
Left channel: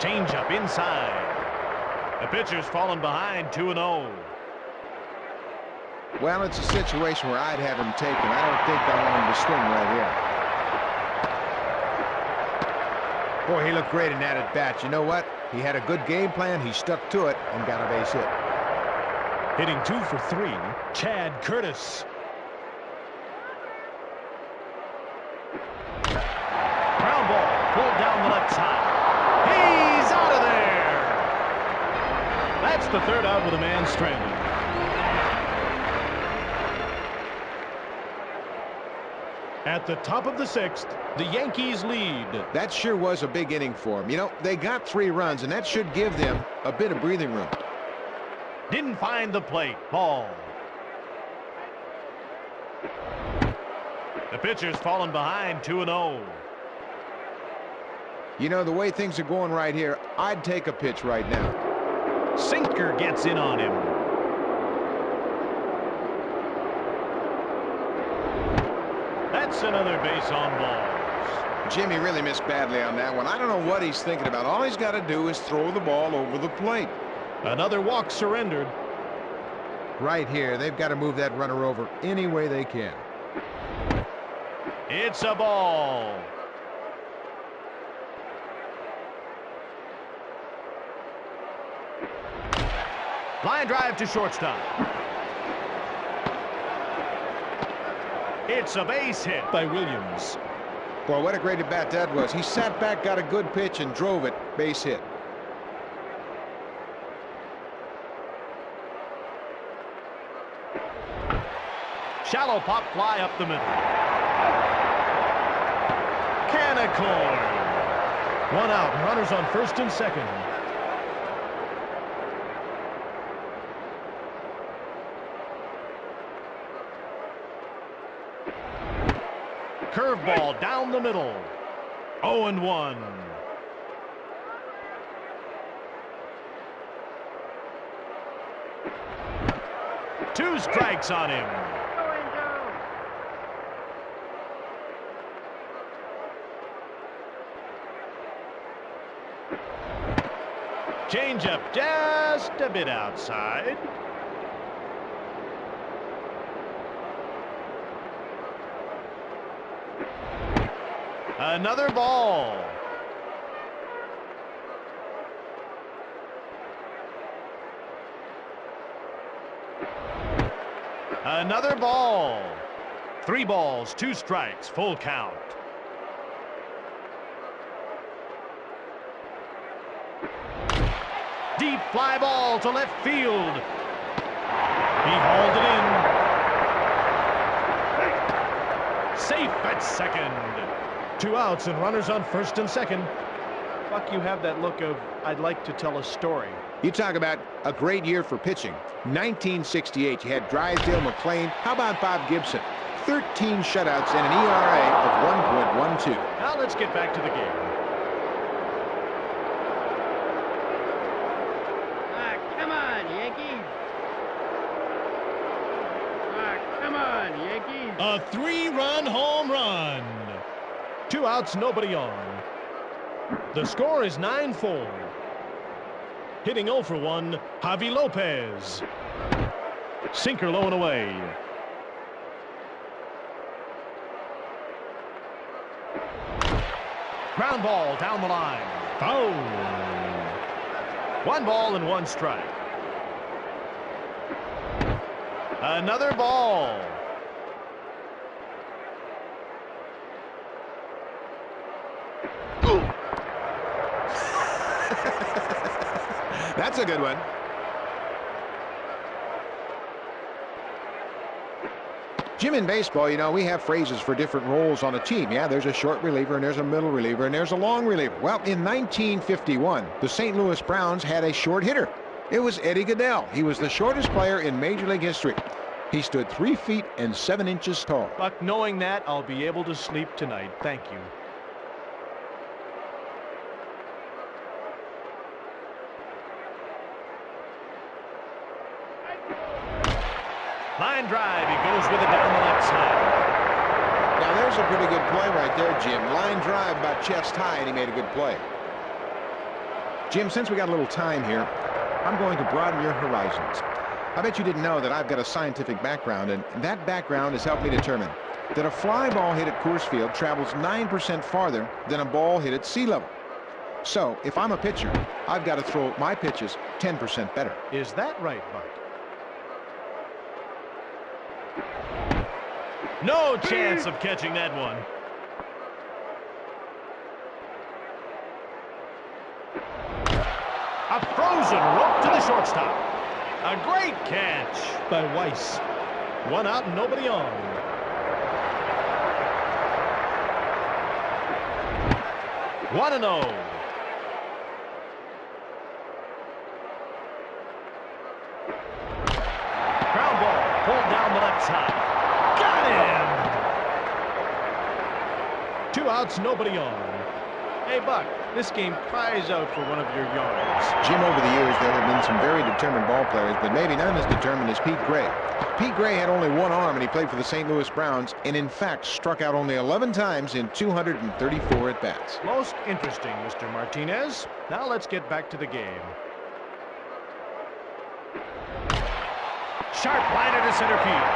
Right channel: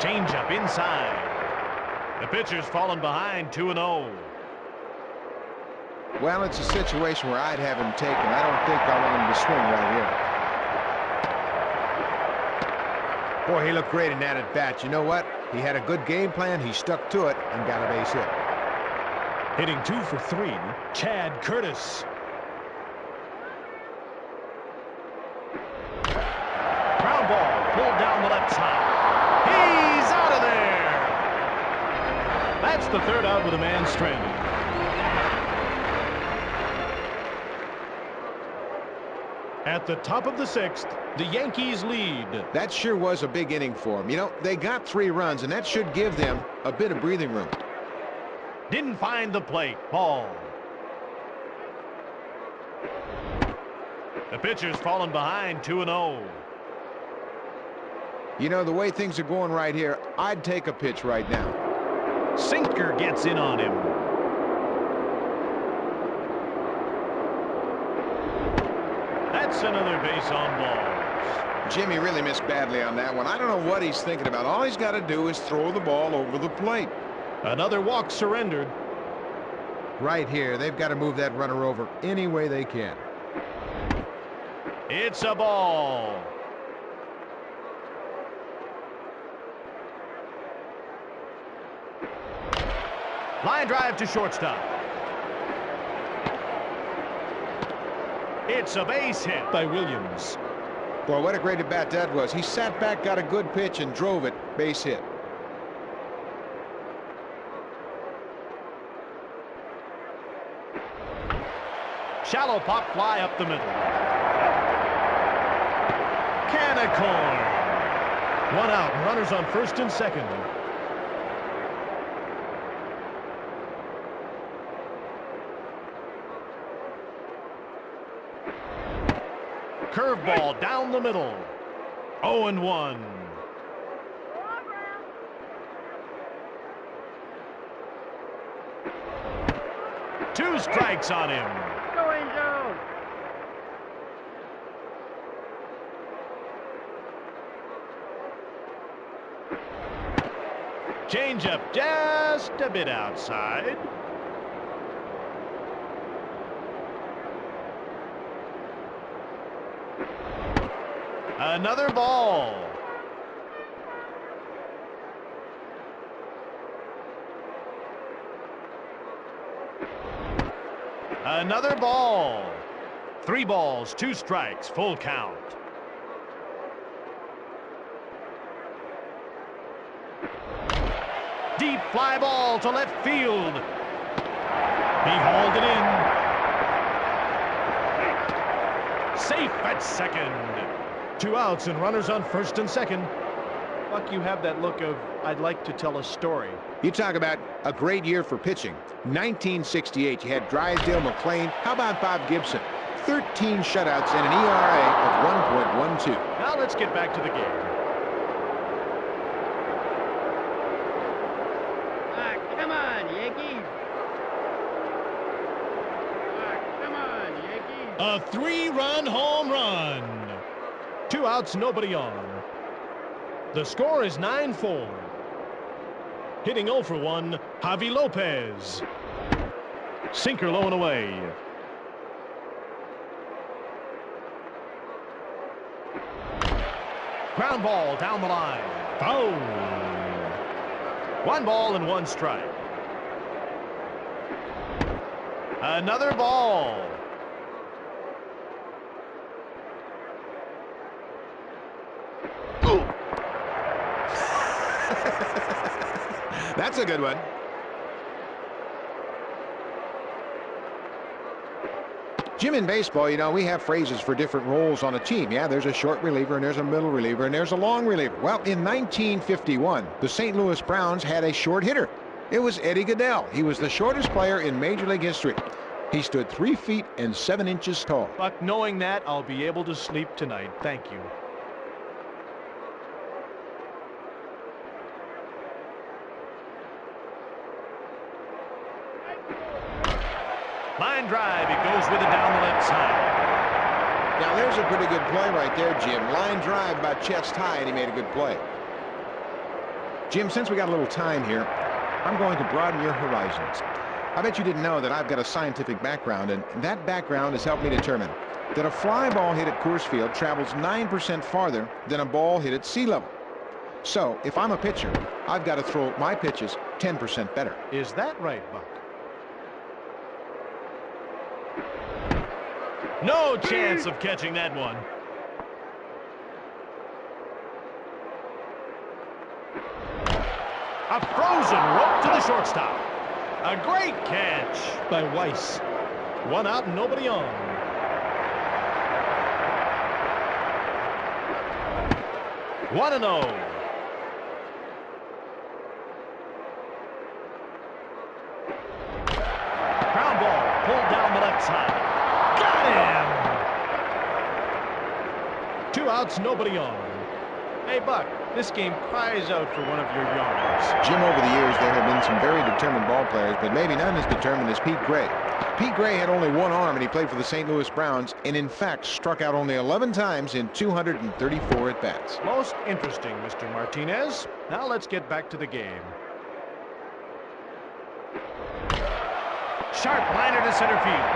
Changeup inside. The pitcher's fallen behind, 2-0. Well, it's a situation where I'd have him taken. I don't think I want him to swing right here. Boy, he looked great in that at bat. You know what? He had a good game plan. He stuck to it and got a base hit. Hitting 2 for 3, Chad Curtis. Ground ball pulled down the left side. He's out of there. That's the 3rd out with a man stranded. At the top of the 6th, the Yankees lead. That sure was a big inning for them. You know, they got 3 runs, and that should give them a bit of breathing room. Didn't find the plate. Ball. The pitcher's fallen behind, 2-0. You know, the way things are going right here, I'd take a pitch right now. Sinker gets in on him. That's another base on balls. Jimmy really missed badly on that one. I don't know what he's thinking about. All he's got to do is throw the ball over the plate. Another walk surrendered. Right here, they've got to move that runner over any way they can. It's a ball. Line drive to shortstop. It's a base hit by Williams. Boy, what a great at bat that was. He sat back, got a good pitch, and drove it. Base hit. Shallow pop fly up the middle. Can of corn. 1 out, and runners on 1st and 2nd. Curveball down the middle. 0-1. Two strikes on him. Go, Angel. Changeup just a bit outside. Another ball. Another ball. 3 balls, 2 strikes, full count. Deep fly ball to left field. He hauled it in. Safe at 2nd. 2 outs and runners on 1st and 2nd. Buck, you have that look of, I'd like to tell a story. You talk about a great year for pitching. 1968, you had Drysdale, McLean. How about Bob Gibson? 13 shutouts and an ERA of 1.12. Now let's get back to the game. Come on, Yankees. Come on, Yankees. A 3-run home run. 2 outs, nobody on. The score is 9-4. Hitting 0 for 1, Javi Lopez. Sinker low and away. Ground ball down the line. Foul. 1 ball and 1 strike. Another ball. That's a good one. Jim, in baseball, you know, we have phrases for different roles on a team. Yeah, there's a short reliever, and there's a middle reliever, and there's a long reliever. Well, in 1951, the St. Louis Browns had a short hitter. It was Eddie Goodell. He was the shortest player in Major League history. He stood 3 feet and 7 inches tall. Buck, knowing that, I'll be able to sleep tonight. Thank you. Line drive. He goes with it down the left side. Now, there's a pretty good play right there, Jim. Line drive about chest high, and he made a good play. Jim, since we got a little time here, I'm going to broaden your horizons. I bet you didn't know that I've got a scientific background, and that background has helped me determine that a fly ball hit at Coors Field travels 9% farther than a ball hit at sea level. So, if I'm a pitcher, I've got to throw my pitches 10% better. Is that right, Buck? No chance of catching that one. A frozen rope to the shortstop. A great catch by Weiss. 1 out and nobody on. One and 0. Ground ball pulled down the left side. Got him! 2 outs, nobody on. Hey, Buck, this game cries out for one of your yards. Jim, over the years, there have been some very determined ball players, but maybe none as determined as Pete Gray. Pete Gray had only 1 arm, and he played for the St. Louis Browns, and in fact struck out only 11 times in 234 at-bats. Most interesting, Mr. Martinez. Now let's get back to the game. Sharp liner to center field.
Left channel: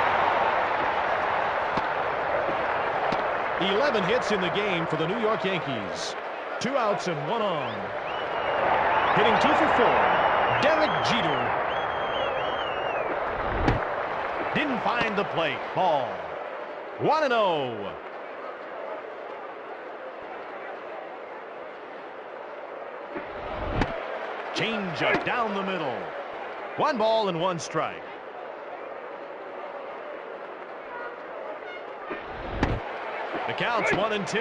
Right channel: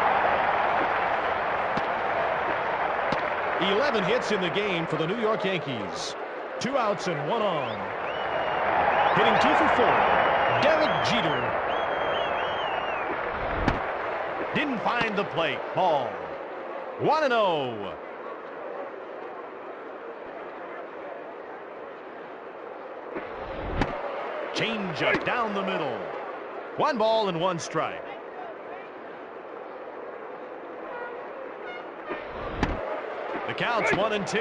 11 hits in the game for the New York Yankees. 2 outs and 1 on. Hitting 2 for 4, Derek Jeter. Didn't find the plate. Ball. 1 and 0. Change up down the middle. 1 ball and 1 strike. The count's 1 and 2.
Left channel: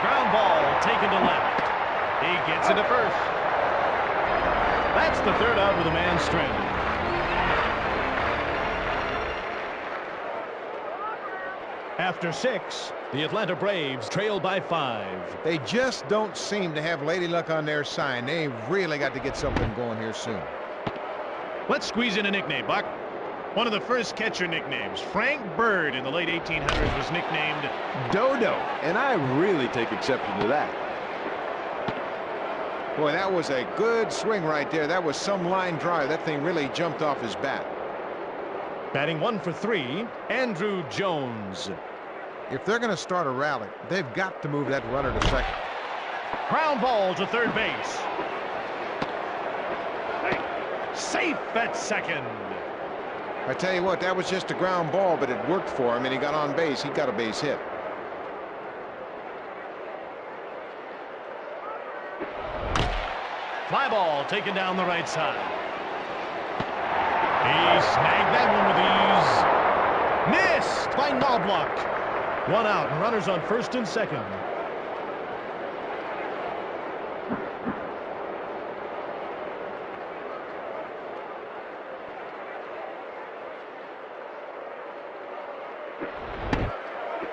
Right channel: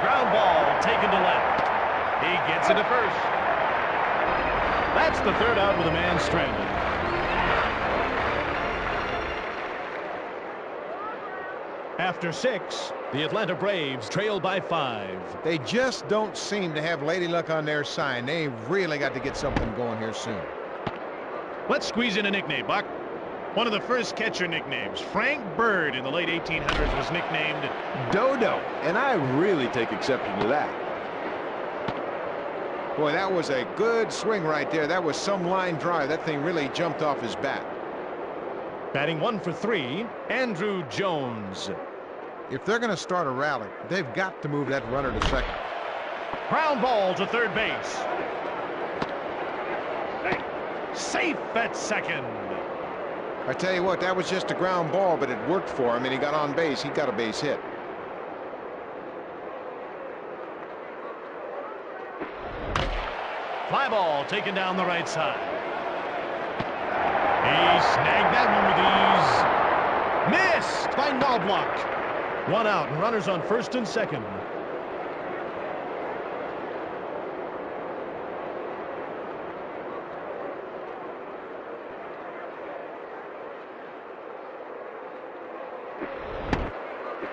Ground ball taken to left. He gets into first. That's the 3rd out with a man stranded. After 6, the Atlanta Braves trail by 5. They just don't seem to have lady luck on their side. They really got to get something going here soon. Let's squeeze in a nickname, Buck. One of the first catcher nicknames, Frank Bird, in the late 1800s was nicknamed Dodo, and I really take exception to that. Boy, that was a good swing right there. That was some line drive. That thing really jumped off his bat. batting 1 for 3, Andrew Jones. If they're going to start a rally, they've got to move that runner to second. Ground ball to third base. Safe at second. I tell you what, that was just a ground ball, but it worked for him, and he got on base. He got a base hit. Fly ball taken down the right side. He snagged that one with ease. Missed by Knobloch. 1 out and runners on first and second.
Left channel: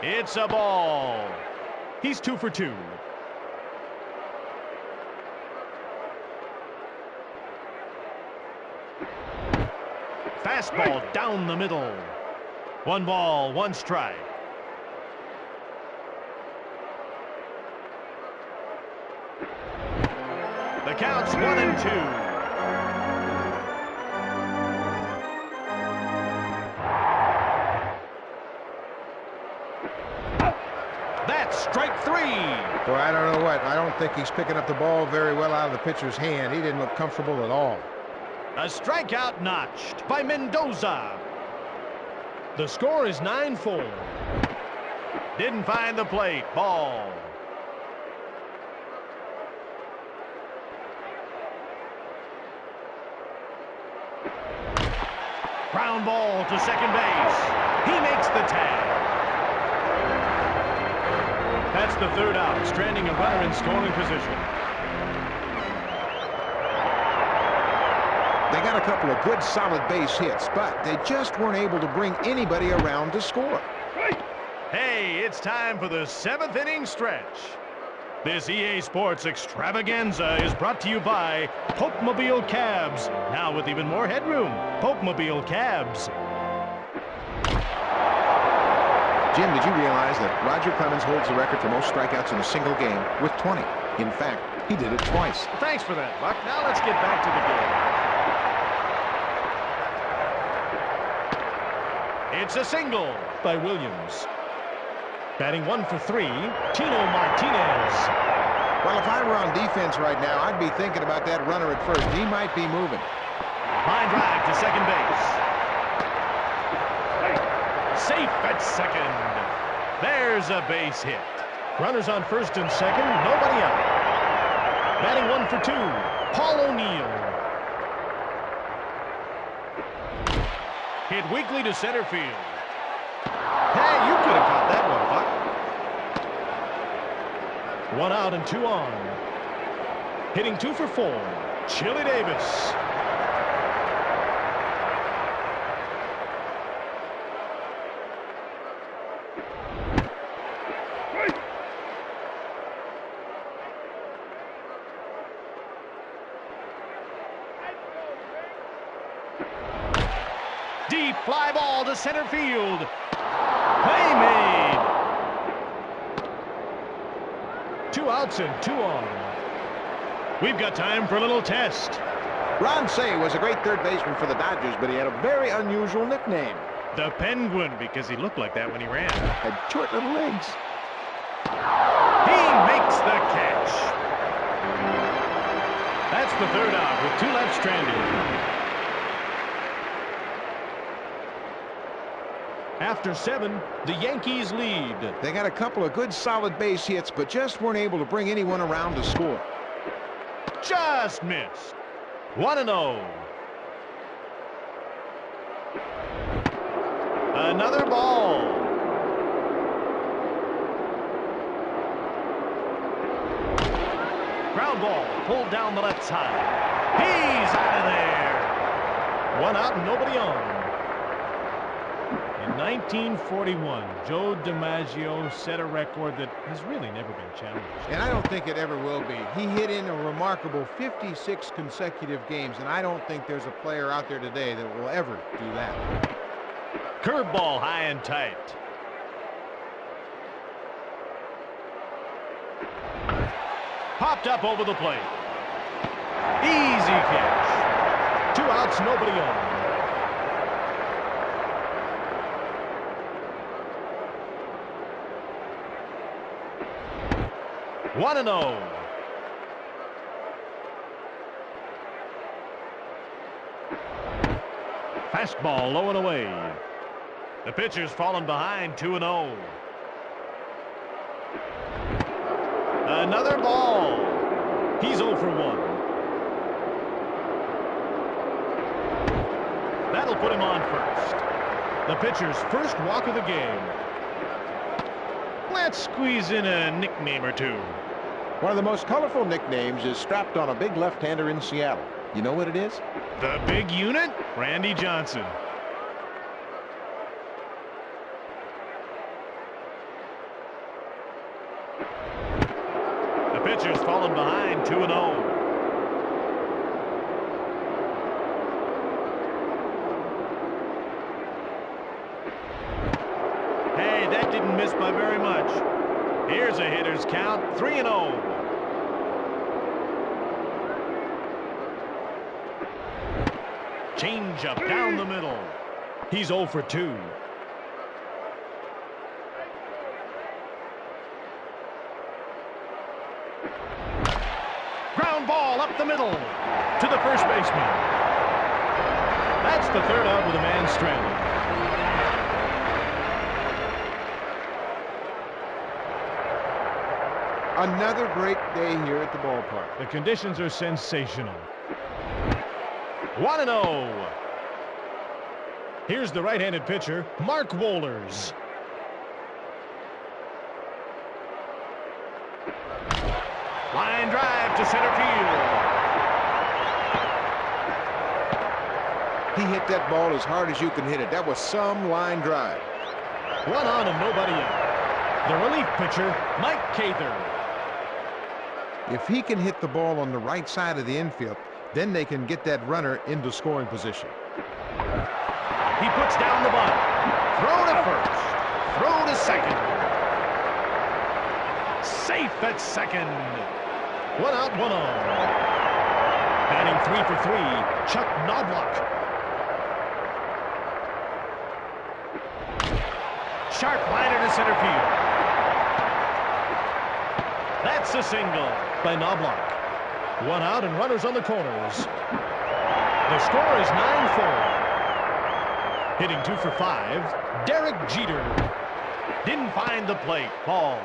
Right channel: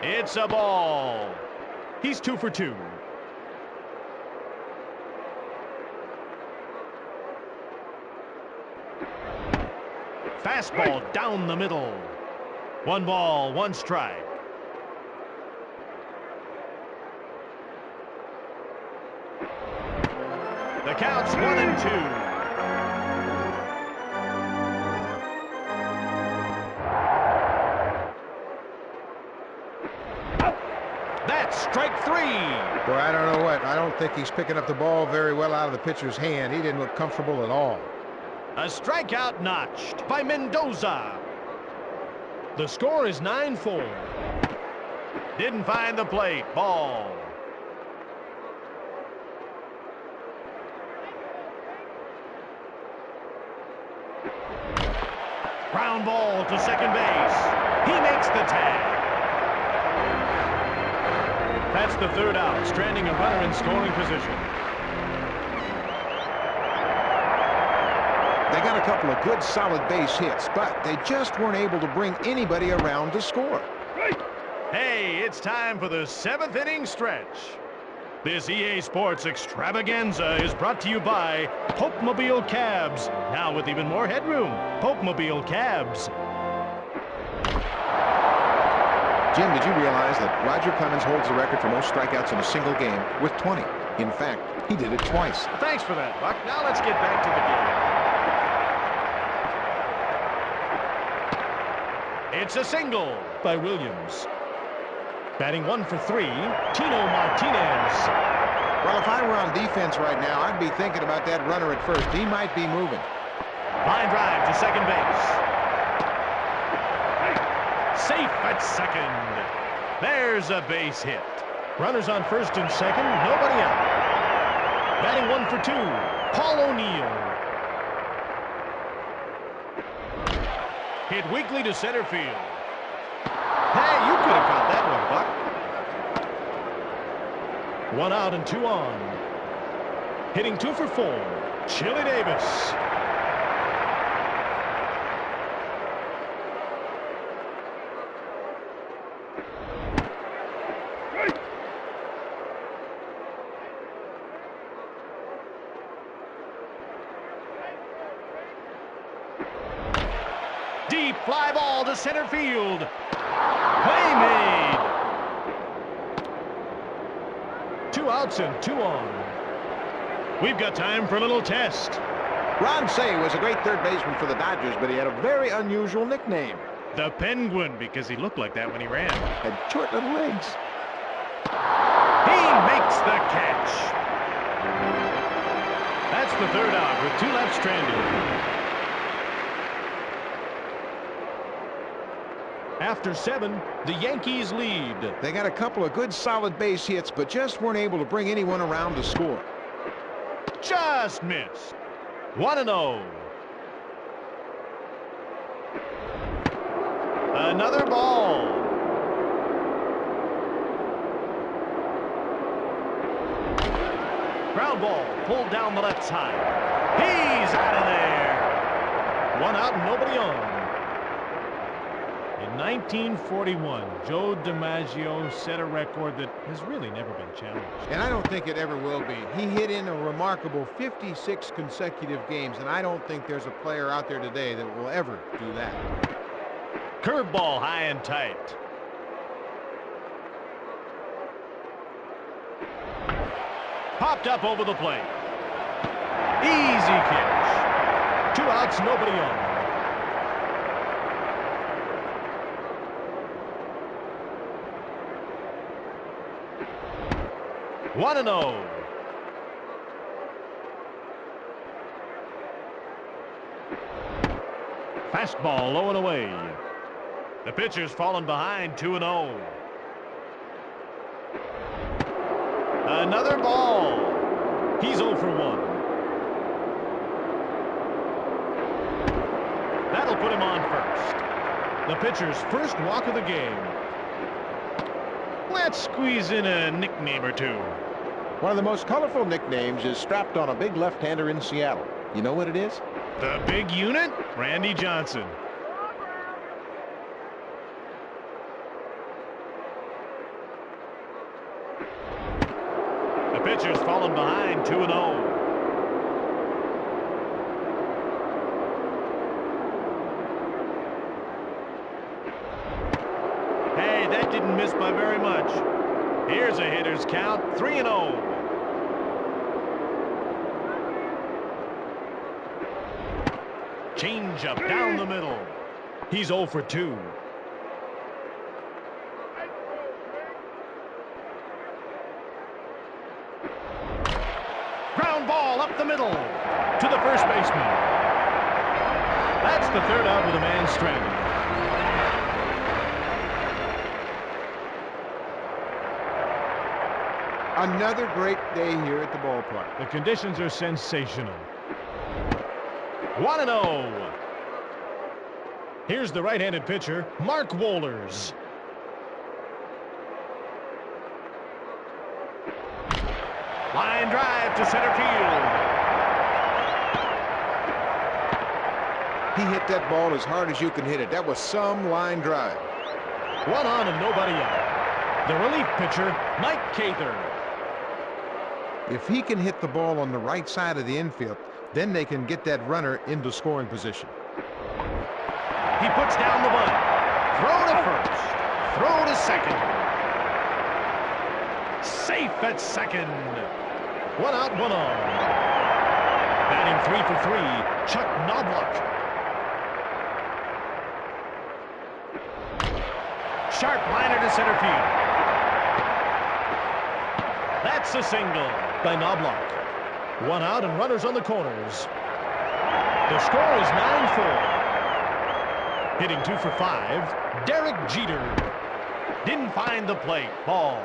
It's a ball. He's 2 for 2. Fastball down the middle. 1 ball, 1 strike. The count's 1-2. That's strike 3. Boy, I don't know what. I don't think he's picking up the ball very well out of the pitcher's hand. He didn't look comfortable at all. A strikeout notched by Mendoza. The score is 9-4. Didn't find the plate. Ball. Ground ball to second base. He makes the tag. That's the third out, stranding a runner in scoring position. They got a couple of good, solid base hits, but they just weren't able to bring anybody around to score. Hey, it's time for the 7th inning stretch. This EA Sports extravaganza is brought to you by Pope-Mobile Cabs. Now with even more headroom, Pope-Mobile Cabs. Jim, did you realize that Roger Clemens holds the record for most strikeouts in a single game with 20? In fact, he did it twice. Thanks for that, Buck. Now let's get back to the game. It's a single by Williams. Batting 1 for 3, Tino Martinez. Well, if I were on defense right now, I'd be thinking about that runner at first. He might be moving. Line drive to second base. Safe at second. There's a base hit. Runners on first and second, nobody out. Batting 1 for 2, Paul O'Neill. Hit weakly to center field. Hey, you could have caught that one, Buck. 1 out and 2 on. Hitting 2 for 4, Chili Davis. Deep fly ball to center field. Play made. 2 outs and 2 on. We've got time for a little test. Ron Cey was a great third baseman for the Dodgers, but he had a very unusual nickname. The Penguin, because he looked like that when he ran. Had short little legs. He makes the catch. That's the third out with 2 left stranded. After 7, the Yankees lead. They got a couple of good, solid base hits, but just weren't able to bring anyone around to score. Just missed. 1-0. Another ball. Ground ball pulled down the left side. He's out of there. 1 out and nobody on. In 1941, Joe DiMaggio set a record that has really never been challenged. And I don't think it ever will be. He hit in a remarkable 56 consecutive games, and I don't think there's a player out there today that will ever do that. Curveball high and tight. Popped up over the plate. Easy catch. 2 outs, nobody on. One and 0. Fastball low and away. The pitcher's fallen behind 2-0. Another ball. He's 0 for 1. That'll put him on first. The pitcher's first walk of the game. Let's squeeze in a nickname or two. One of the most colorful nicknames is strapped on a big left-hander in Seattle. You know what it is? The big unit, Randy Johnson. The pitcher's fallen behind 2-0. Hey, that didn't miss by very much. Here's a hitter's count, 3-0. Change-up down the middle. He's 0 for 2. Ground ball up the middle to the first baseman. That's the third out with a man stranded. Another great day here at the ballpark. The conditions are sensational. 1-0. Here's the right-handed pitcher, Mark Wohlers. Line drive to center field. He hit that ball as hard as you can hit it. That was some line drive. 1 on and nobody out. The relief pitcher, Mike Cather. If he can hit the ball on the right side of the infield, then they can get that runner into scoring position. He puts down the bunt. Throw to first. Throw to second. Safe at second. 1 out, 1 on. Batting 3 for 3, Chuck Knobloch. Sharp liner to center field. That's a single by Knobloch. 1 out and runners on the corners. The score is 9-4. Hitting 2 for 5, Derek Jeter. Didn't find the plate. Ball.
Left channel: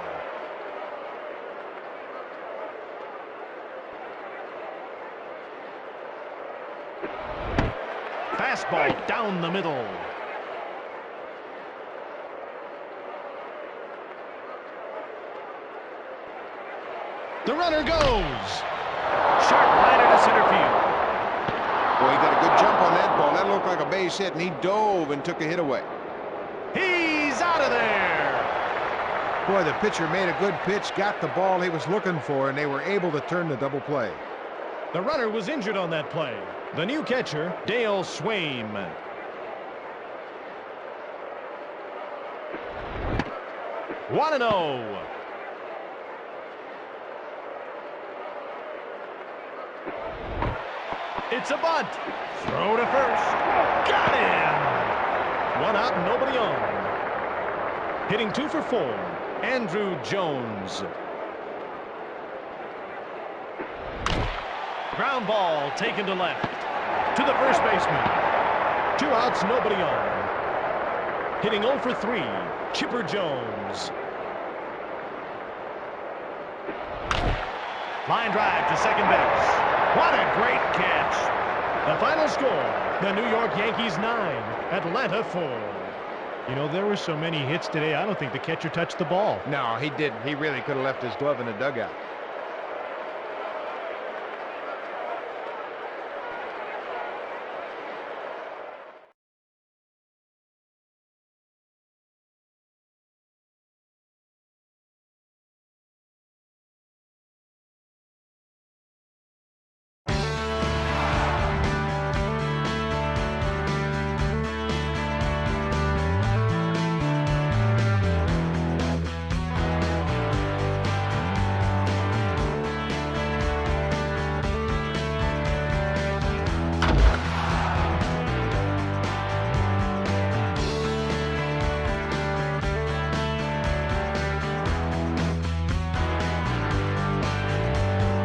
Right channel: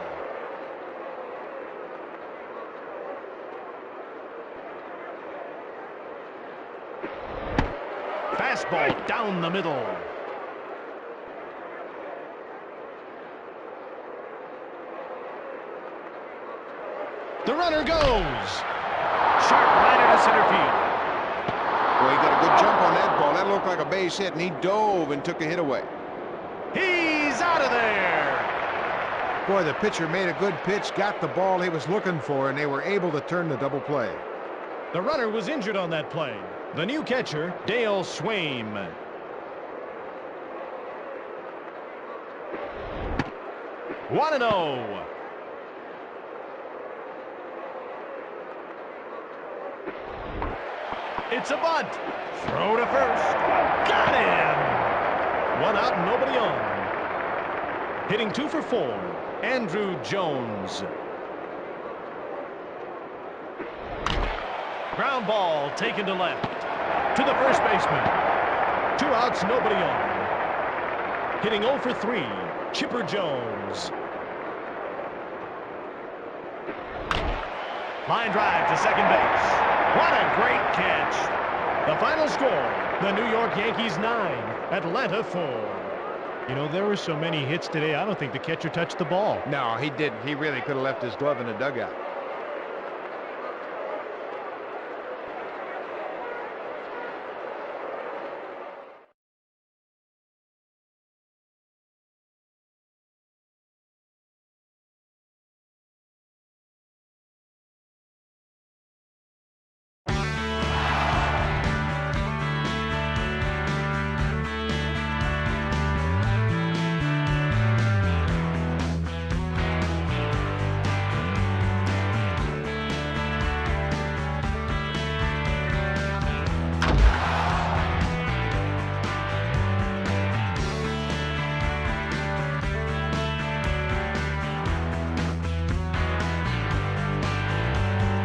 Fastball down the middle. The runner goes. Sharp liner to center field. Boy, he got a good jump on that ball. That looked like a base hit, and he dove and took a hit away. He's out of there. Boy, the pitcher made a good pitch, got the ball he was looking for, and they were able to turn the double play. The runner was injured on that play. The new catcher, Dale Swaim. One and 0. It's a bunt. Throw to first. Got him. 1 out and nobody on. Hitting 2 for 4, Andrew Jones. Ground ball taken to left. To the first baseman. 2 outs, nobody on. Hitting 0 for 3, Chipper Jones. Line drive to second base. What a great catch. The final score, the New York Yankees 9, Atlanta 4. You know, there were so many hits today, I don't think the catcher touched the ball. No, he didn't. He really could have left his glove in the dugout.